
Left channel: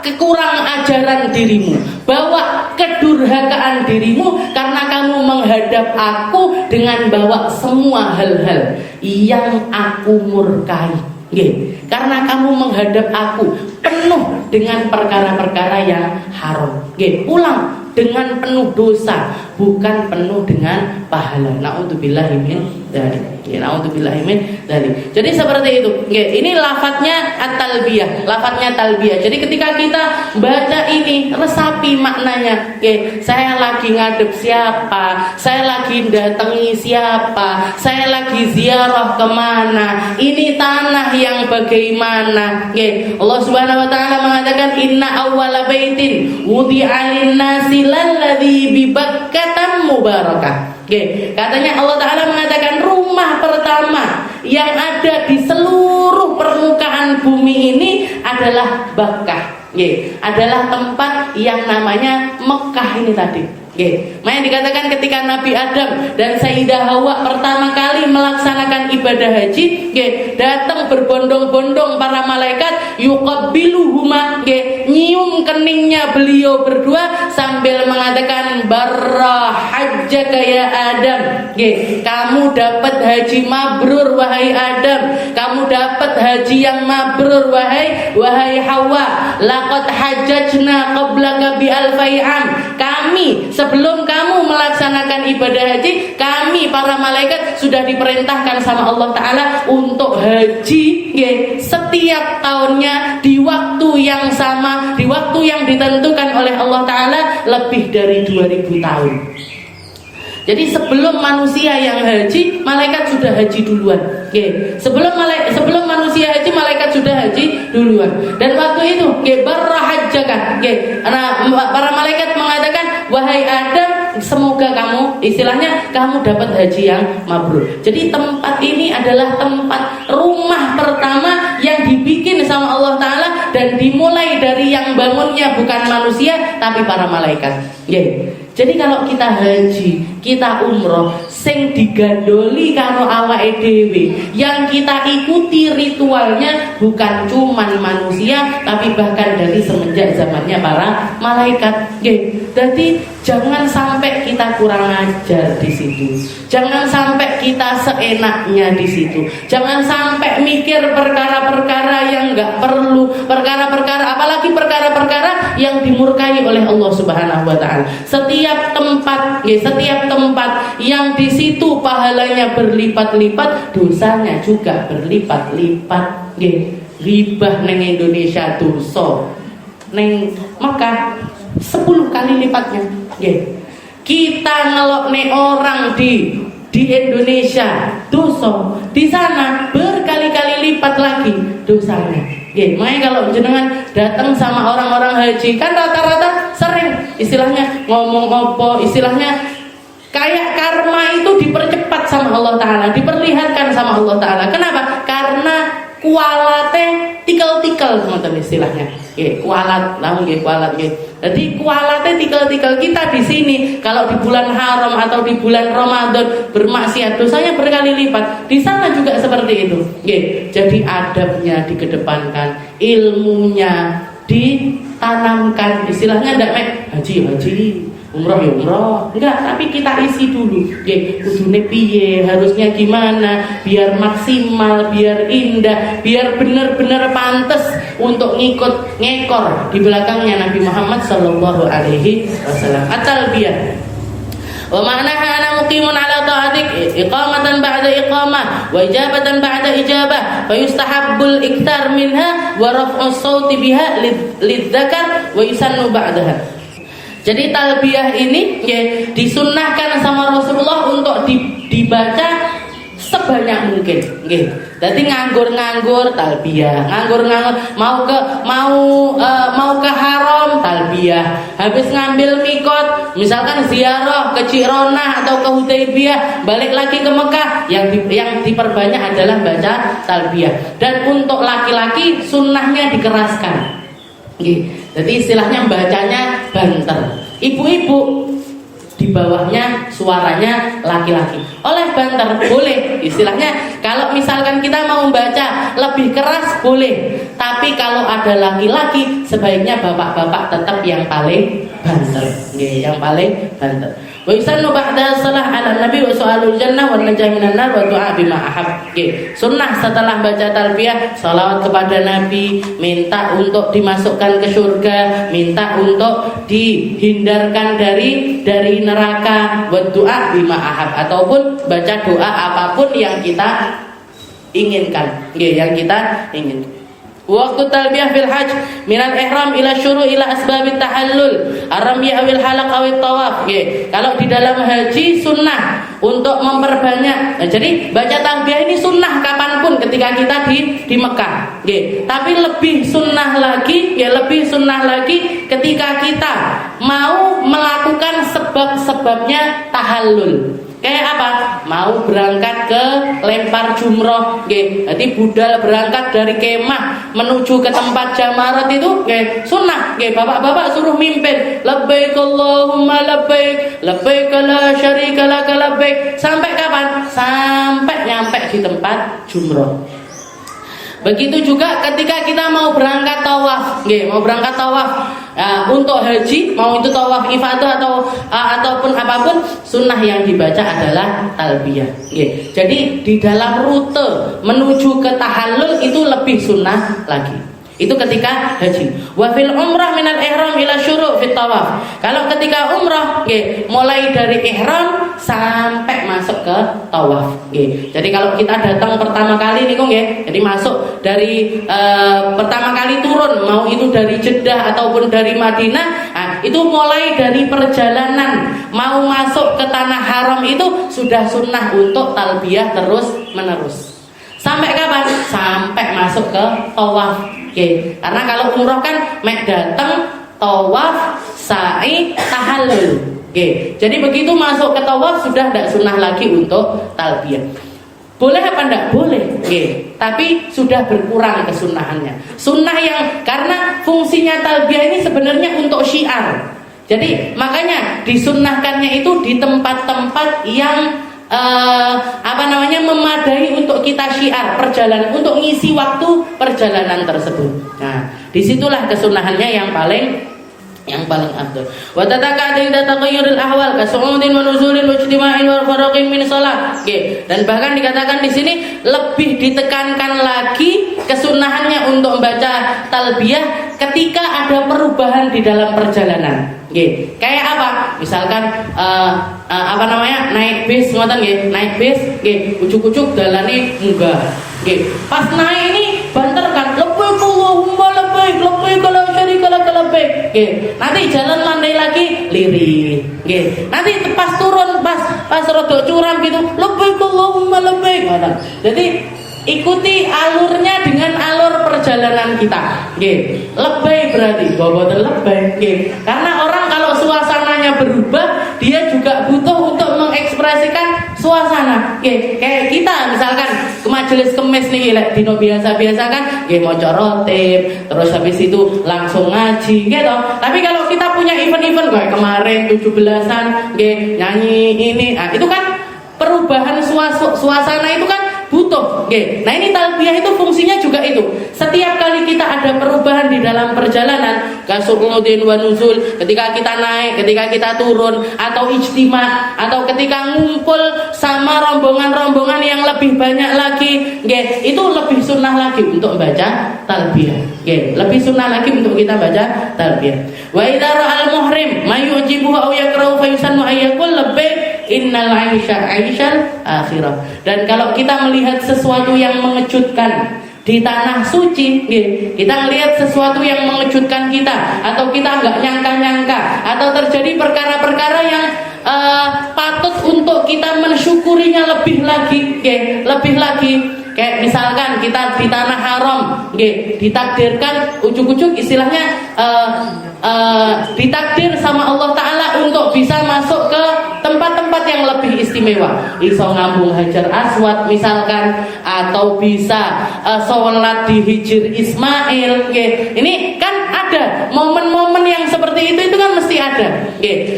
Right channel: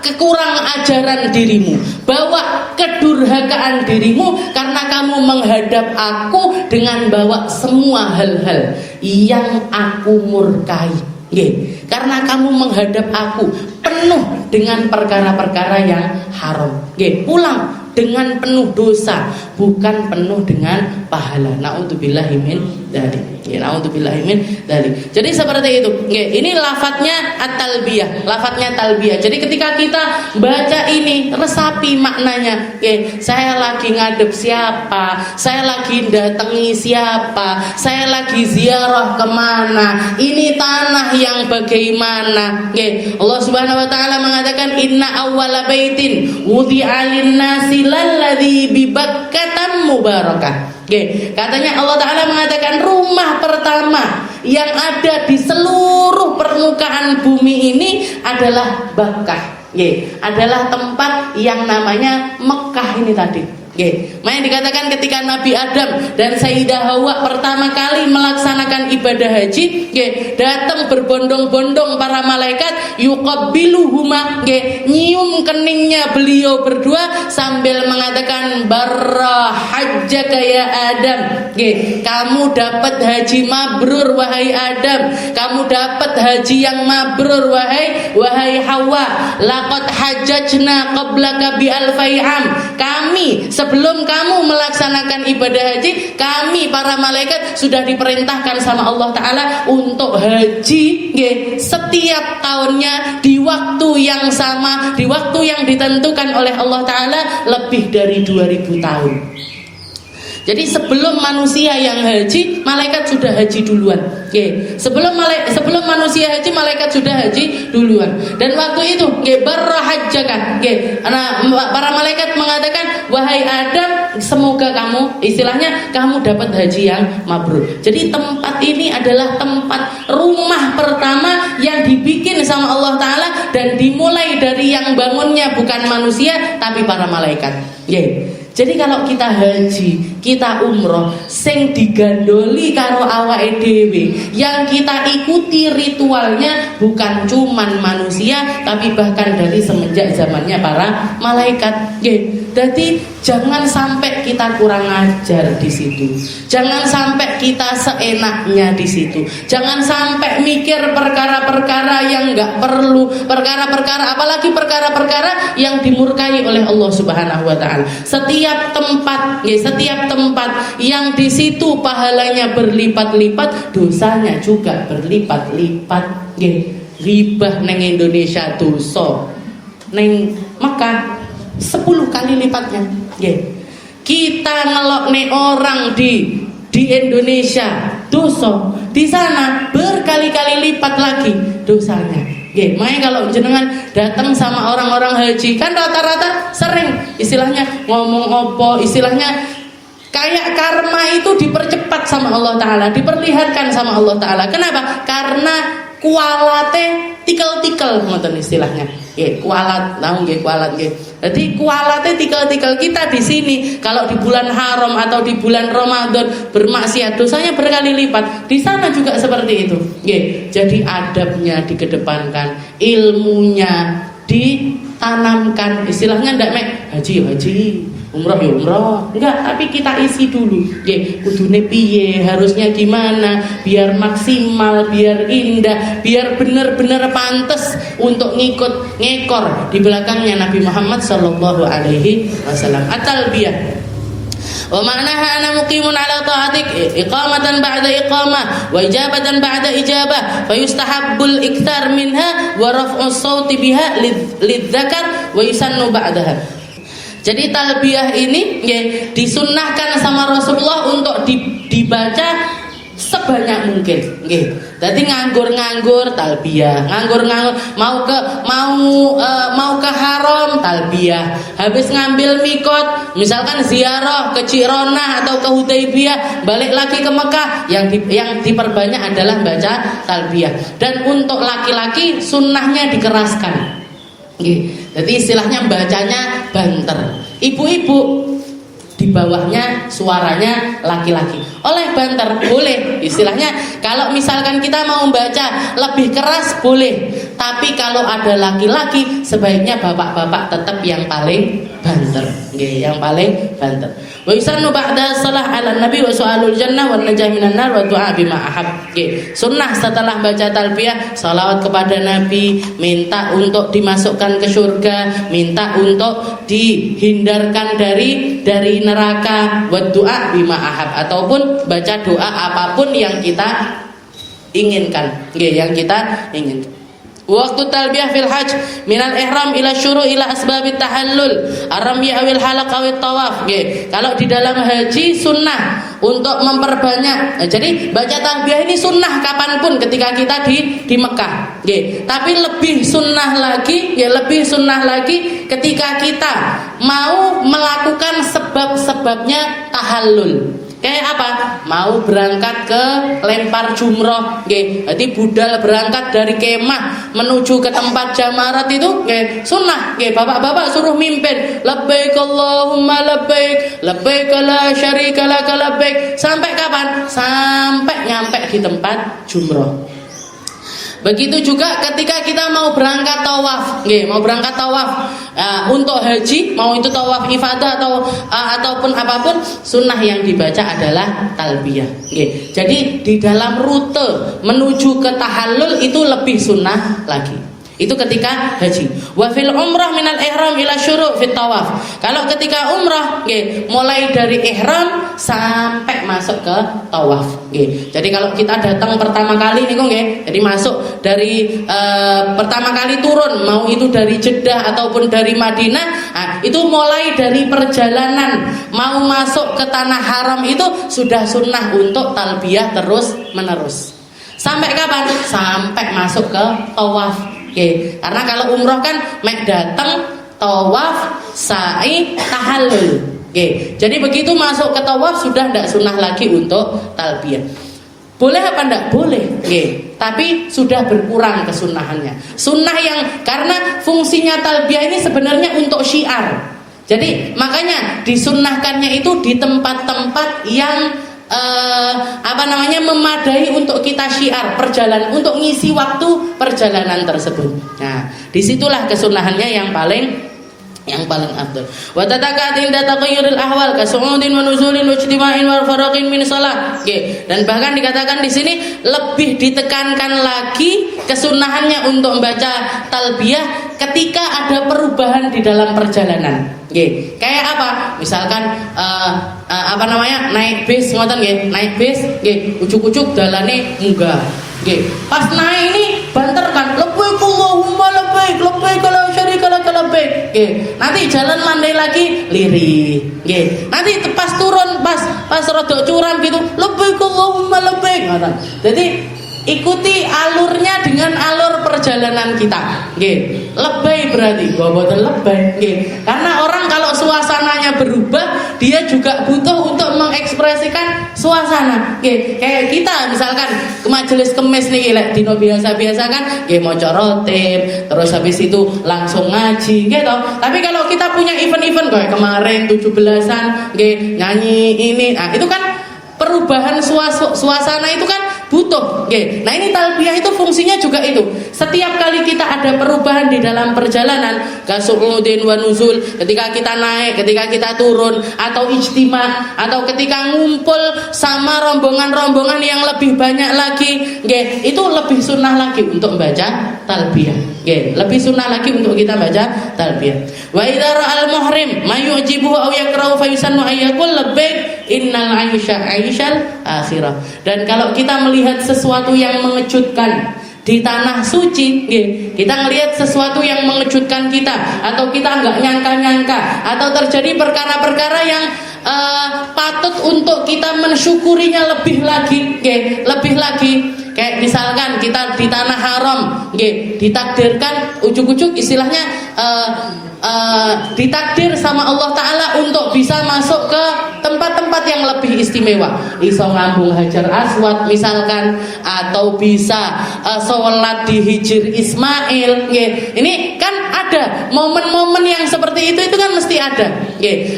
kekurang ajaran dirimu, bawa kedurhakaan dirimu, karena kamu menghadap aku dengan bawa semua hal-hal yang aku murkai. Karena kamu menghadap aku penuh dengan perkara-perkara yang haram. Pulang dengan penuh dosa, bukan penuh dengan pahala. Na'udzubillahi min dzalik. Na'udzubillahi min dzalik. Jadi seperti itu. Ini lafadznya at-talbiyah, lafadznya talbiyah. Jadi ketika kita baca ini, resapi maknanya. Saya lagi ngadep siapa? Saya lagi datangi siapa? Saya lagi ziarah kemana? Ini tanah yang bagaimana? Allah Subhanahu wa Ta'ala mengatakan, inna awwala baitin wudi'a lin-nasi lalladzi bi Bakkah mubarakah. Katanya Allah Ta'ala mengatakan, rumah pertama yang ada di seluruh permukaan bumi ini adalah Bakkah. Adalah tempat yang namanya Mekah ini tadi. Makanya dikatakan ketika Nabi Adam dan Sayyidah Hawa pertama kali melaksanakan ibadah haji, datang berbondong-bondong para malaikat, yuqabbiluhuma, nyium keningnya beliau berdua sambil mengatakan barra hajjaka ya Adam, kamu dapat haji mabrur wahai Adam, kamu dapat haji yang mabrur wahai Hawa, laqad hajjajna qablaka bi alfai am, kami sebelum kamu melaksanakan ibadah haji, kami para malaikat sudah diperintahkan sama Allah Ta'ala untuk haji setiap tahunnya di waktu yang sama, di waktu yang ditentukan oleh Allah Ta'ala lebih dari 2000 tahun. Jadi sebelum manusia yang haji, malaikat sudah haji duluan. Sebelum manusia haji, malaikat sudah haji duluan. Dan waktu itu, barra hajjaka, para malaikat mengatakan, wahai Adam, semoga kamu, istilahnya kamu dapat haji yang mabrur. Jadi tempat ini adalah tempat rumah pertama yang dibikin sama Allah Ta'ala, dan dimulai dari yang bangunnya bukan manusia tapi para malaikat. Jadi kalau kita haji, kita umroh, sing digandoli karo awake dhewe, yang kita ikuti ritualnya bukan cuman manusia tapi bahkan dari semenjak zamannya para malaikat. Jadi jangan sampai kita kurang ajar di situ. Jangan sampai kita seenaknya di situ. Jangan sampai mikir perkara-perkara yang enggak perlu, perkara-perkara apalagi perkara-perkara yang dimurkai oleh Allah Subhanahu wa taala. Setiap tempat yang di situ pahalanya berlipat-lipat, dosanya juga berlipat-lipat. Ribah neng Indonesia dosa, neng Mekah 10 kali lipatnya. Kita ngelokne orang di Indonesia dosa, di sana berkali-kali lipat lagi dosanya. Makanya kalau jenengan datang sama orang-orang haji, kan rata-rata sering istilahnya ngomong opo, istilahnya kayak karma itu dipercepat sama Allah Ta'ala, diperlihatkan sama Allah Ta'ala. Kenapa? Karena kualate tikel-tikel ngoten istilahnya. Kualat, kualat. Jadi kualate tikel-tikel kita di sini. Kalau di bulan haram atau di bulan Ramadan bermaksiat, dosanya berkali lipat. Di sana juga seperti itu. Jadi adabnya dikedepankan, ilmunya ditanamkan. Istilahnya ndak haji, umroh ya umroh, enggak, tapi kita isi dulu. Kudune piye, harusnya gimana biar maksimal, biar indah, biar benar-benar pantas untuk ngekor di belakangnya Nabi Muhammad sallallahu alaihi wasallam. At-talbiyah wa ma'naha ana muqimun ala ta'atik iqamatan ba'da iqamah wa ijabatan ba'da ijabah fa yustahabbul ikthar minha wa raf'us sauti biha lidzakar wa yusannu ba'daha. Jadi talbiyah ini disunnahkan sama Rasulullah untuk dibaca sebanyak mungkin. Jadi nganggur talbiyah, nganggur mau ke haram talbiyah, habis ngambil mikot, misalkan ziarah ke Cirona atau ke Hudaybiyah, balik lagi ke Mekah, yang diperbanyak adalah baca talbiyah. Dan untuk laki-laki sunnahnya dikeraskan. Jadi istilahnya bacanya banter. Ibu-ibu di bawahnya suaranya laki-laki. Oleh banter boleh, istilahnya kalau misalkan kita mau baca lebih keras boleh, tapi kalau ada laki-laki sebaiknya bapak-bapak tetap yang paling banter, yang paling banter. Wa yusannu ba'da salah ala nabi wa su'alul jannah wa najah minan nar wa du'a bima ahab. Sunnah setelah baca talbiyah salawat kepada Nabi, minta untuk dimasukkan ke surga, minta untuk dihindarkan dari neraka, wa du'a bima ahab, ataupun baca doa apapun yang kita inginkan, yang kita inginkan. Waktu talbiyah fil hajj minal ihram ila syuru ila asbabit tahallul ar-ramyah awil halaq awit tawaf. Kalau di dalam haji sunnah untuk memperbanyak. Jadi baca talbiyah ini sunnah kapanpun ketika kita di Mekah. Tapi lebih sunnah lagi, ketika kita mau melakukan sebab-sebabnya tahallul. Kayak apa? Mau berangkat ke lempar jumroh, jadi budal berangkat dari kemah menuju ke tempat jamarat itu, sunnah, bapak-bapak suruh mimpin, labbaik Allahumma labbaik, labbaik la syarika lak labbaik. Sampai kapan? Sampai nyampe di tempat jumroh. Begitu juga ketika kita mau berangkat tawaf, untuk haji, mau itu tawaf ifadah ataupun apapun, sunnah yang dibaca adalah talbiyah. Jadi di dalam rute menuju ke tahallul itu lebih sunnah lagi. Itu ketika haji. Wa fil umrah minal ihram ila syuru' fit tawaf. Kalau ketika umrah, mulai dari ihram sampai masuk ke tawaf. Jadi kalau kita datang pertama kali nih, jadi masuk dari pertama kali turun, mau itu dari Jeddah ataupun dari Madinah, itu mulai dari perjalanan mau masuk ke tanah haram itu sudah sunnah untuk talbiyah terus menerus. Sampai kapan? Sampai masuk ke tawaf. Karena kalau umroh kan mek datang, tawaf, sa'i, tahallul. Jadi begitu masuk ke tawaf sudah tidak sunnah lagi untuk talbiyah. Boleh apa enggak? Boleh. Tapi sudah berkurang kesunahannya. Sunnah yang karena fungsinya talbiyah ini sebenarnya untuk syiar. Jadi makanya disunnahkannya itu di tempat-tempat yang memadai untuk kita syiar perjalanan, untuk ngisi waktu perjalanan tersebut. Nah, disitulah kesunahannya yang paling afdal. Wa tataqadin tataqayyurul ahwal kasu'udin wa nuzulin wa ijtima'in wa faraqin min shalah. Dan bahkan dikatakan di sini lebih ditekankan lagi kesunahannya untuk membaca talbiyah ketika ada perubahan di dalam perjalanan. Kayak apa? Misalkan naik bis, naik bis, ujuk-ujuk dalane munggah. Pas naik ini banter kan, labbaik Allahumma labbaik, labbaik la syarika lak labbaik. Nanti jalan landai lagi lirik. Nanti pas turun, pas rada curam gitu, labbaik Allahumma labbaik. Jadi ikuti alurnya dengan alur perjalanan kita. Lebay berarti boboten lebay. Karena orang kalau suasananya berubah, dia juga butuh untuk mengekspresikan suasana. Kayak kita misalkan ke majelis kemis nih, dino biasa-biasa kan, maca rotib, terus habis itu langsung ngaji, gitu. Tapi kalau kita punya event-event kayak kemarin 17-an, nyanyi ini, itu kan perubahan suasana itu kan butuh. Nah ini talbiyah itu fungsinya juga itu. Setiap kali kita ada perubahan di dalam perjalanan, kasu'udin wa nuzul, ketika kita naik, ketika kita turun, atau ijtima, atau ketika ngumpul sama rombongan-rombongan yang lebih banyak lagi, itu lebih sunnah lagi untuk membaca talbiyah. Lebih sunnah lagi untuk kita baca talbiyah. Wa idza ra'al muhrim mayujibu aw yakrahu fa yusannu ayyakul labbaik innal 'aisha 'aishal akhirah. Dan kalau kita melihat sesuatu yang mengejutkan di tanah suci, kita melihat sesuatu yang mengejutkan kita, atau kita nggak nyangka-nyangka, atau terjadi perkara-perkara yang patut untuk kita mensyukurinya lebih lagi. Kayak misalkan kita di tanah haram, ditakdirkan ujuk-ujuk istilahnya ditakdir sama Allah Ta'ala untuk bisa masuk ke tempat-tempat yang lebih istimewa, iso ngambung Hajar Aswad misalkan, atau bisa sholat di Hijr Ismail. Ini kan ada momen-momen yang seperti itu kan mesti ada.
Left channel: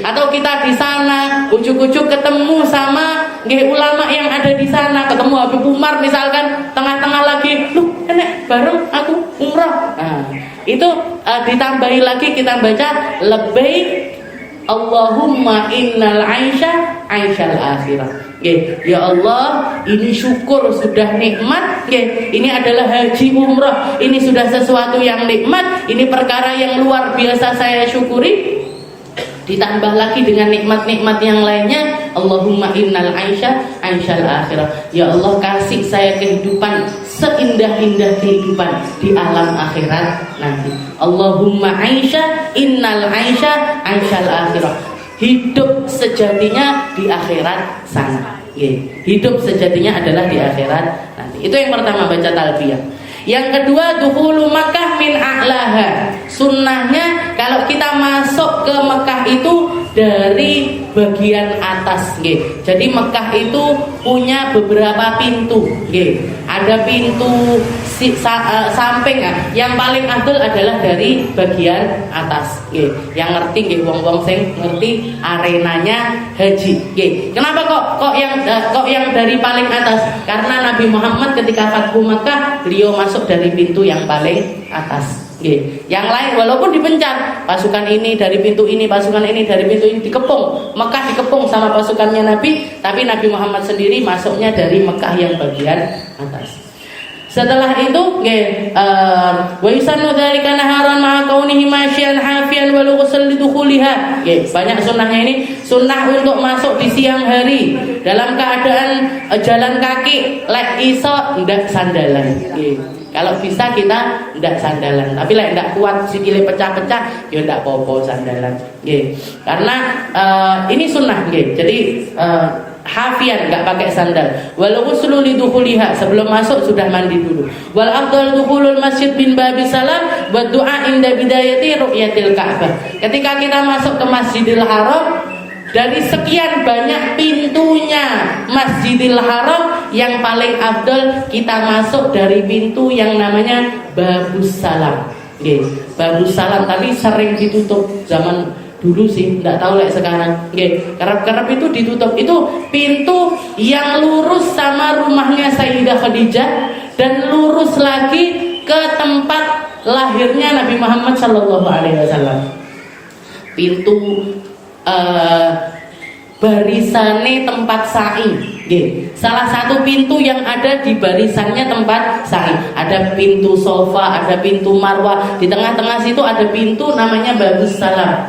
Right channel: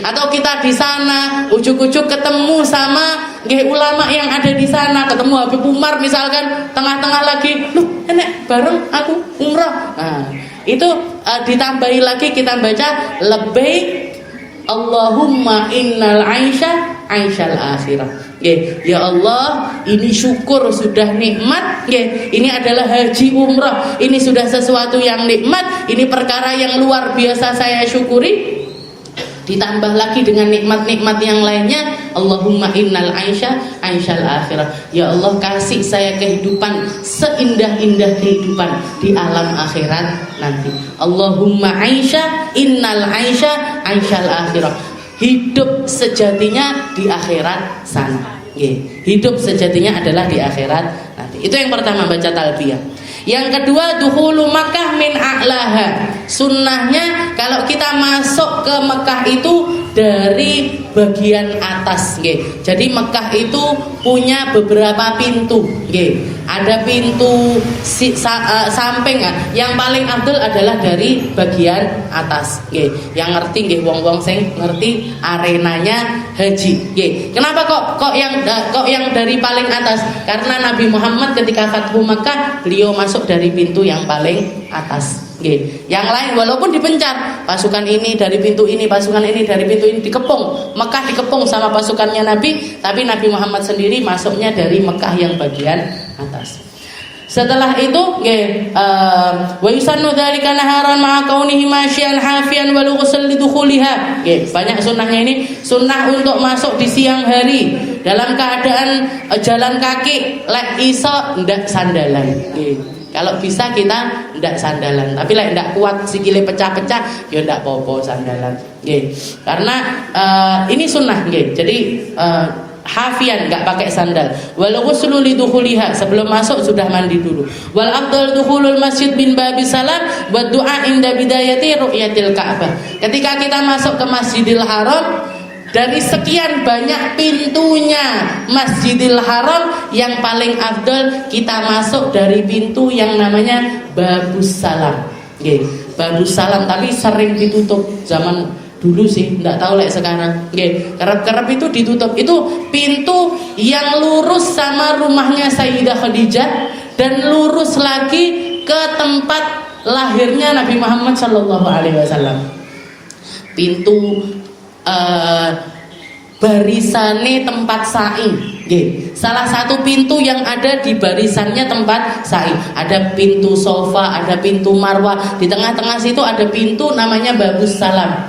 Atau kita di sana ujuk-ujuk ketemu sama ulama yang ada di sana, ketemu Habib Umar misalkan, tengah-tengah lagi, enek bareng aku umrah. Nah, itu ditambahi lagi kita baca labbaik Allahumma innal 'aisha 'aishal akhirah. Ya Allah, ini syukur sudah nikmat. Ini adalah haji umrah, ini sudah sesuatu yang nikmat, ini perkara yang luar biasa saya syukuri. Ditambah lagi dengan nikmat-nikmat yang lainnya, Allahumma innal 'aisha 'aishal akhirah. Ya Allah, kasih saya kehidupan seindah-indah kehidupan di alam akhirat nanti. Allahumma 'aisha innal 'aisha 'aishal akhirah. hidup sejatinya di akhirat sana. Hidup sejatinya adalah di akhirat nanti. Itu yang pertama, baca talbiyah. Yang kedua, dukhulu Makkah min a'laha. Sunnahnya kalau kita masuk ke Mekah itu dari bagian atas, Jadi Mekah itu punya beberapa pintu, Ada pintu samping, yang paling afdal adalah dari bagian atas, Yang ngerti, wong-wong sing ngerti arenanya haji, Kenapa kok yang dari paling atas? Karena Nabi Muhammad ketika Fathu Makkah, beliau masuk dari pintu yang paling atas. Yang lain walaupun dipencar, pasukan ini dari pintu ini, pasukan ini dari pintu ini, dikepung. Mekah dikepung sama pasukannya Nabi, tapi Nabi Muhammad sendiri masuknya dari Mekah yang bagian atas. Setelah itu, wa yusannu dzalika naharan ma'a kaunihi masyian hafian wa lughsal lidukhuliha. Banyak sunnahnya ini. Sunnah untuk masuk di siang hari dalam keadaan jalan kaki, lek iso ndak sandalan. Kalau bisa kita ndak sandalan, tapi lek ndak kuat sikile pecah-pecah, ya ndak apa-apa sandalan. Karena ini sunnah, Jadi hafian, nggak pakai sandal. Wal ghuslu lidukhuliha, sebelum masuk sudah mandi dulu. Wal afdal dukhulul masjid bin babis salam wa du'a inda bidayati ru'yatil Ka'bah. Ketika kita masuk ke Masjidil Haram, dari sekian banyak pintunya Masjidil Haram, yang paling afdal kita masuk dari pintu yang namanya Babus Salam. Babus Salam, tapi sering ditutup zaman dulu sih, nggak tahu lek sekarang. Kerap-kerap itu ditutup. Itu pintu yang lurus sama rumahnya Sayyidah Khadijah dan lurus lagi ke tempat lahirnya Nabi Muhammad SAW. Pintu barisane tempat sa'i. Salah satu pintu yang ada di barisannya tempat sa'i. Ada pintu sofa, ada pintu marwah. Di tengah-tengah situ ada pintu namanya Babus Salam.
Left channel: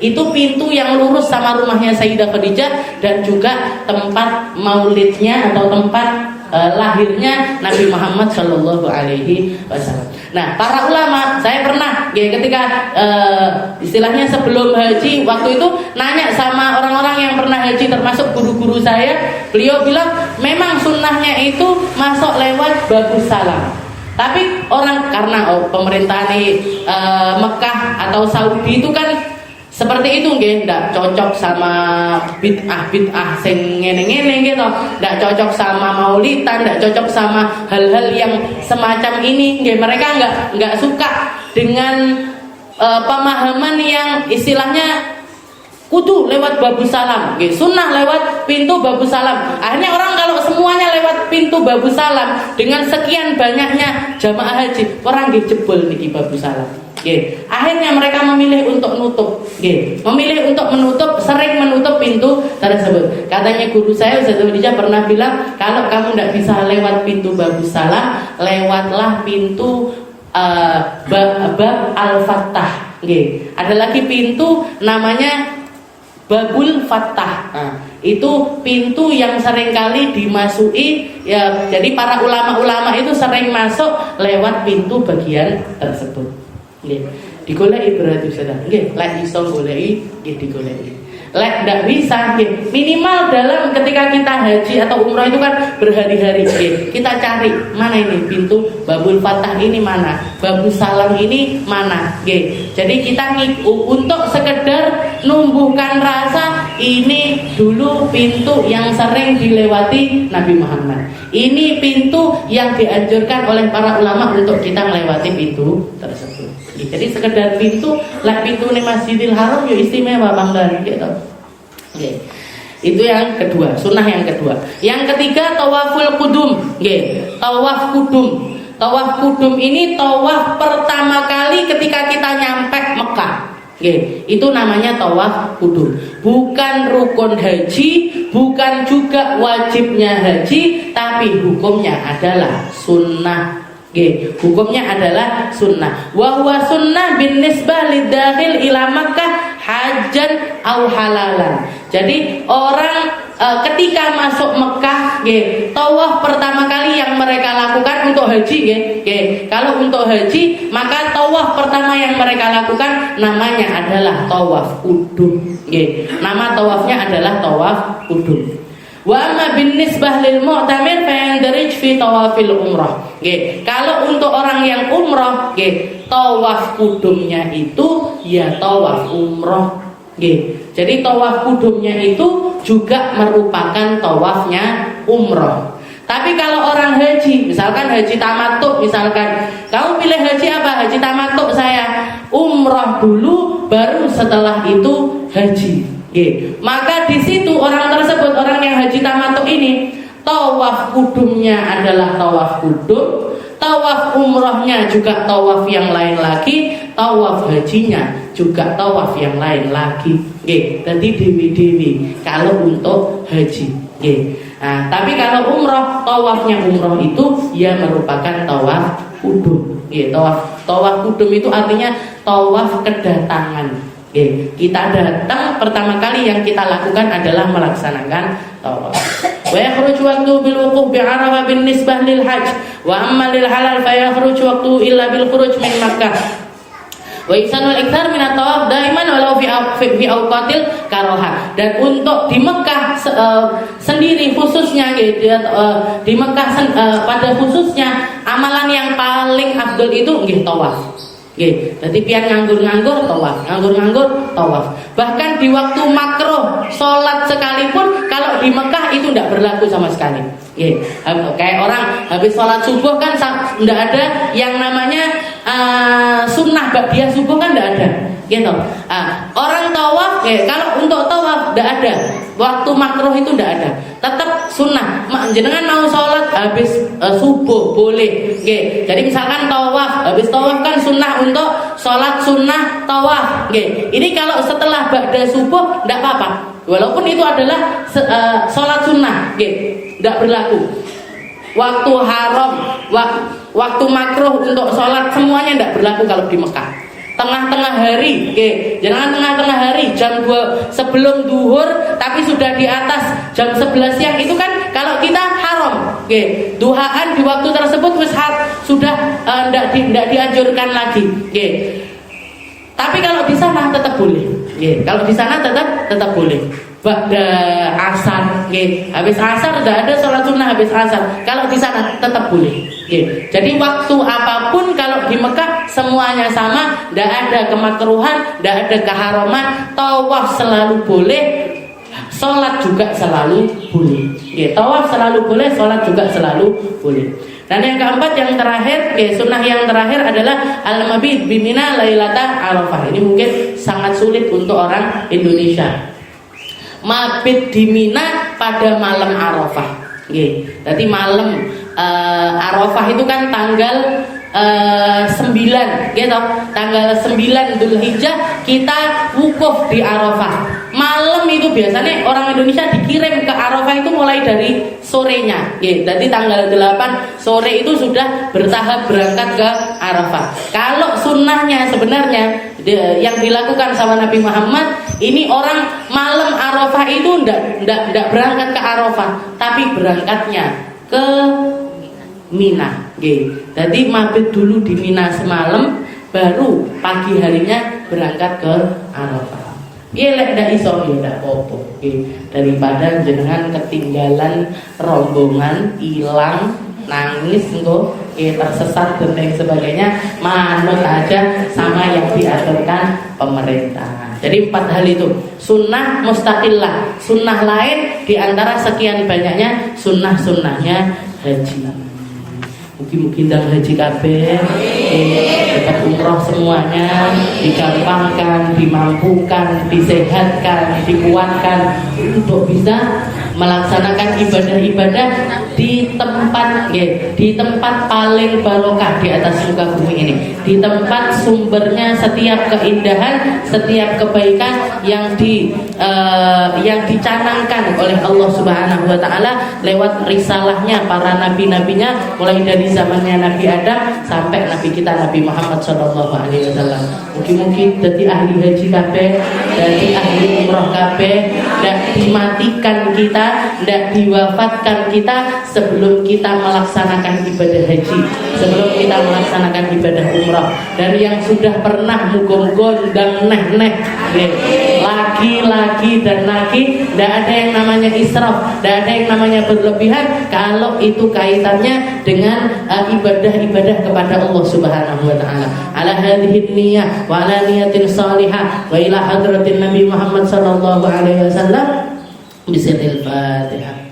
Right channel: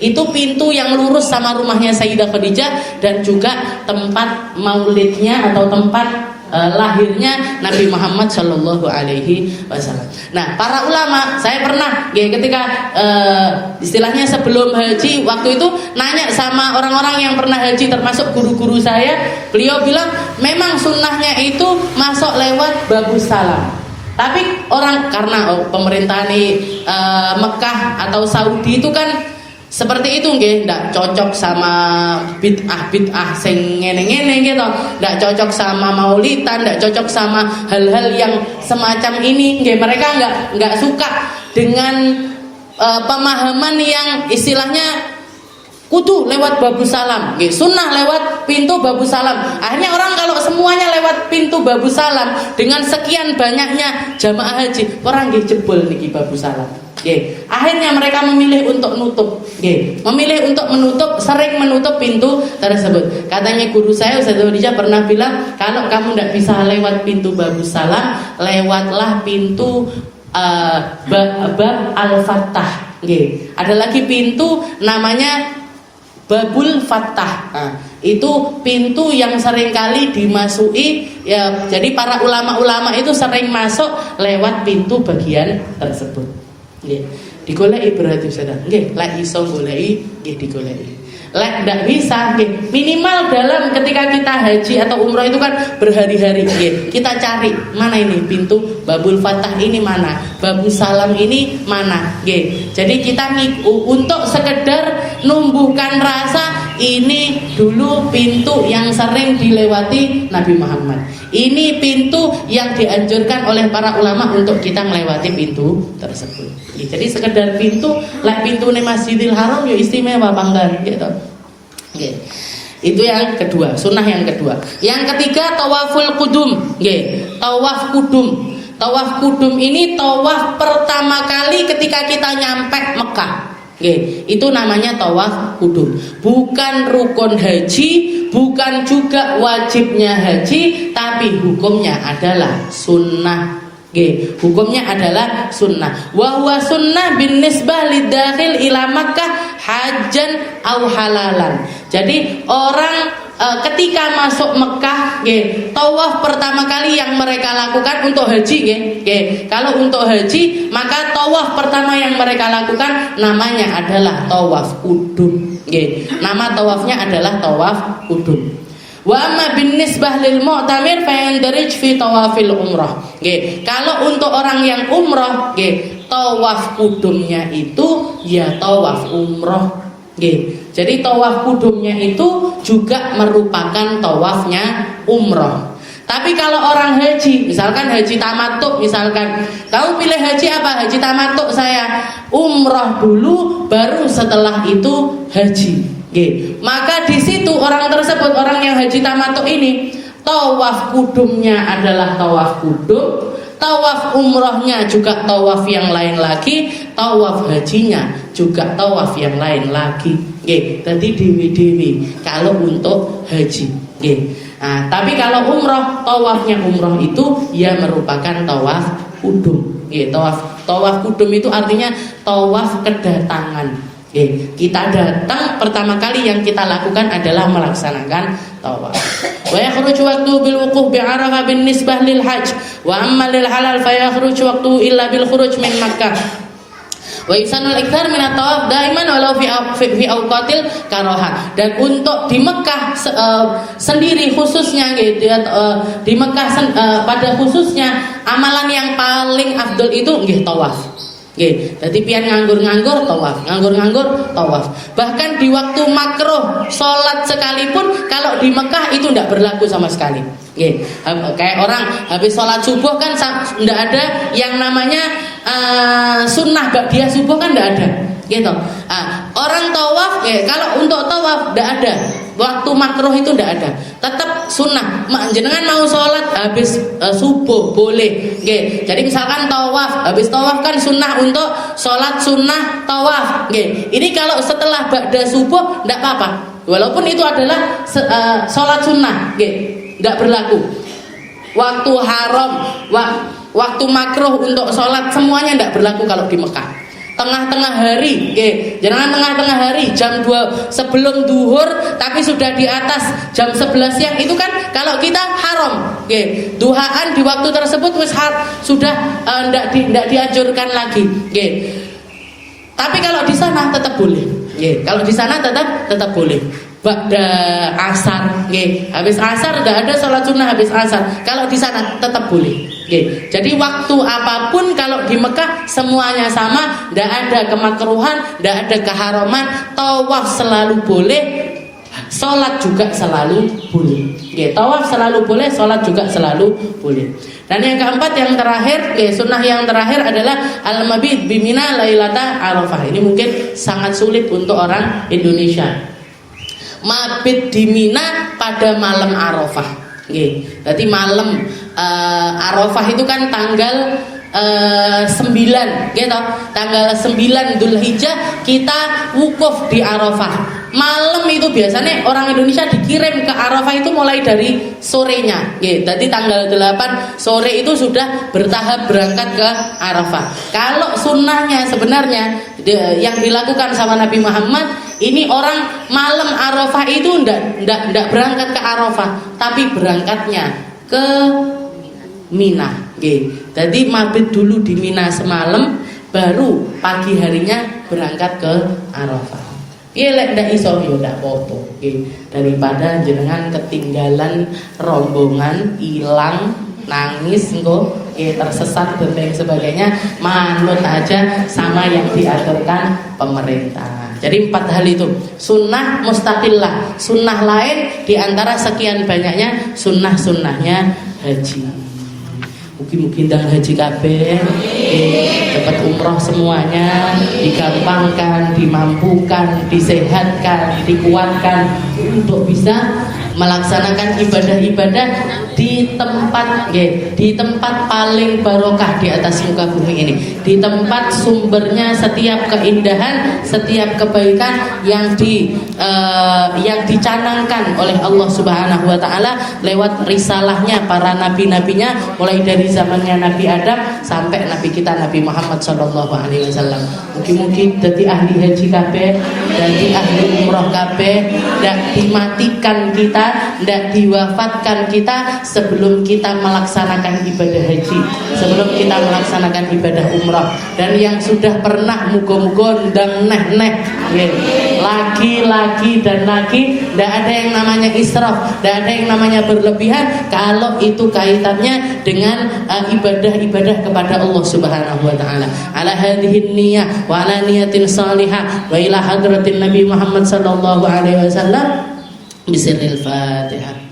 Itu pintu yang lurus sama rumahnya Sayyidah Khadijah dan juga tempat maulidnya atau tempat lahirnya Nabi Muhammad Shallallahu Alaihi Wasallam. Nah, para ulama, saya pernah ketika istilahnya sebelum haji, waktu itu nanya sama orang-orang yang pernah haji, termasuk guru-guru saya. Beliau bilang memang sunnahnya itu masuk lewat Babus Salam. Tapi orang karena pemerintahan Mekah atau Saudi itu kan seperti itu, ndak cocok sama bid'ah sing ngene-ngene gitu, ndak cocok sama maulidan, ndak cocok sama hal-hal yang semacam ini. Mereka nggak suka dengan pemahaman yang istilahnya kudu lewat Babus Salam, sunnah lewat pintu Babus Salam. Akhirnya orang kalau semuanya lewat pintu Babus Salam, dengan sekian banyaknya jamaah haji, orang jebol niki Babus Salam. Akhirnya mereka memilih untuk menutup, sering menutup pintu tersebut. Katanya guru saya Ustaz Khadijah pernah bilang, kalau kamu tidak bisa lewat pintu Babus Salam, lewatlah pintu Bab Al-Fattah. Ada lagi pintu namanya Babul Fattah. Itu pintu yang seringkali dimasuki, ya. Jadi para ulama-ulama itu sering masuk lewat pintu bagian tersebut. Digoleki berarti sudah. Lek iso goleki, digoleki. Lek ndak bisa, minimal dalam ketika kita haji atau umroh itu kan berhari-hari, kita cari mana ini pintu Babul Fattah ini mana, Babus Salam ini mana, Jadi kita untuk sekedar numbuhkan rasa, ini dulu pintu yang sering dilewati Nabi Muhammad. Ini pintu yang dianjurkan oleh para ulama untuk kita melewati pintu tersebut. Jadi sekedar pintu, lah pintu nih Masjidil Haram ya istimewa bangga gitu. Itu yang kedua, sunnah yang kedua. Yang ketiga, tawaful kudum. Tawaf kudum. Tawaf kudum ini tawaf pertama kali ketika kita nyampe Mekah. Itu namanya tawaf kudum. Bukan rukun haji, bukan juga wajibnya haji, tapi hukumnya adalah sunnah. Hukumnya adalah sunnah. Wa huwa sunnah bin nisbah lidakhil ila Makkah hajan au halalan. Jadi orang ketika masuk Mekah, tawaf pertama kali yang mereka lakukan untuk haji kalau untuk haji maka tawaf pertama yang mereka lakukan namanya adalah tawaf kudum. Nama tawafnya adalah tawaf kudum. Wa amma bin nisbah lil mu'tamir fayandarij fi tawafil umrah. Kalau untuk orang yang umrah, tawaf kudumnya itu ya tawaf umrah. Jadi tawaf kudumnya itu juga merupakan tawafnya umrah. Tapi kalau orang haji, misalkan haji tamattu, misalkan kamu pilih haji apa? Haji tamattu saya, umrah dulu baru setelah itu haji. Maka di situ orang tersebut, orang yang haji tamattu ini, tawaf kudumnya adalah tawaf kudum, tawaf umrahnya juga tawaf yang lain lagi, tawaf hajinya juga tawaf yang lain lagi. Jadi dewi-dewi kalau untuk haji. Nah, tapi kalau umrah, tawafnya umrah itu ya merupakan tawaf kudum. Tawaf kudum itu artinya tawaf kedatangan. Kita datang pertama kali yang kita lakukan adalah melaksanakan tawaf. Wa yakhruju waqtu bil wuquf bi Arafah bin nisbah lil hajj wa amma lil halal fa yakhruju waqtu illa bil khuruj min Makkah. Wa yusanul ikthar min at-tawaf daiman walau fi awqatil karaha. Dan untuk di Mekah sendiri khususnya di Mekah pada khususnya amalan yang paling afdol itu tawaf. Jadi pian nganggur-nganggur tawaf. Bahkan di waktu makruh sholat sekalipun kalau di Mekah itu tidak berlaku sama sekali. Kayak orang habis sholat subuh kan tidak ada yang namanya sunnah ba'diyah subuh kan tidak ada. Orang tawaf kalau untuk tawaf tidak ada. Waktu makruh itu tidak ada. Tetap sunnah. Jenengan mau sholat habis subuh boleh. Jadi misalkan tawaf, habis tawaf kan sunnah untuk sholat sunnah tawaf. Ini kalau setelah ba'da subuh tidak apa-apa. Walaupun itu adalah sholat sunnah, tidak berlaku. Waktu haram, waktu makruh untuk sholat semuanya tidak berlaku kalau di Mekah. Tengah-tengah hari, jangan tengah-tengah hari jam 2 sebelum duhur tapi sudah di atas jam 11 siang itu kan kalau kita haram. Duhaan di waktu tersebut sudah tidak dianjurkan lagi. Tapi kalau di sana tetap boleh. Kalau di sana tetap boleh. Ba'da asar, habis asar tidak ada sholat sunnah habis asar. Kalau di sana tetap boleh. Jadi waktu apapun kalau di Mekah semuanya sama, tidak ada kemakruhan, tidak ada keharaman. Tawaf selalu boleh, sholat juga selalu boleh. Tawaf selalu boleh, sholat juga selalu boleh. Dan yang keempat, yang terakhir, sunnah yang terakhir adalah al-mabit bimina lailata Arafah. Ini mungkin sangat sulit untuk orang Indonesia. Mabit di Mina pada malam Arafah. Jadi malam Arafah itu kan tanggal 9 gitu. Tanggal 9 Dzulhijjah kita wukuf di Arafah. Malam itu biasanya orang Indonesia dikirim ke Arafah itu mulai dari sorenya. Jadi tanggal 8 sore itu sudah bertahap berangkat ke Arafah. Kalau sunnahnya sebenarnya yang dilakukan sama Nabi Muhammad, ini orang malam Arafah itu tidak berangkat ke Arafah, tapi berangkatnya ke Mina. Jadi mabit dulu di Mina semalam, baru pagi harinya berangkat ke Arafah. Lek ndak iso yo ndak apa-apa. Daripada jenengan ketinggalan rombongan, hilang, nangis engko tersesat dan lain sebagainya, manut aja sama yang diaturkan pemerintah. Jadi 4 hal itu sunnah mustaqillah, sunnah lain diantara sekian banyaknya sunnah-sunnahnya haji. Mungkin dan haji kabeh dapat umroh semuanya, digampangkan, dimampukan, disehatkan, dikuatkan untuk bisa melaksanakan ibadah-ibadah di tempat paling barokah di atas muka bumi ini, di tempat sumbernya setiap keindahan, setiap kebaikan yang dicanangkan oleh Allah Subhanahu wa taala lewat risalahnya para nabi-nabinya, mulai dari zamannya Nabi Adam sampai nabi kita Nabi Muhammad sallallahu alaihi wasallam. Mungkin jadi ahli haji kabeh, jadi ahli umroh kabeh, dan dimatikan kita kita tidak diwafatkan kita sebelum kita melaksanakan ibadah haji, sebelum kita melaksanakan ibadah umrah. Dan yang sudah pernah mugo-mugo dan neh-neh lagi dan lagi, tidak ada yang namanya israf, tidak ada yang namanya berlebihan kalau itu kaitannya dengan ibadah-ibadah kepada Allah Subhanahu wa taala. Ala hadhihi niyyah wa ala niyatin salihah wa ila hadratin Nabi Muhammad sallallahu alaihi wasallam bisirril Fatihah.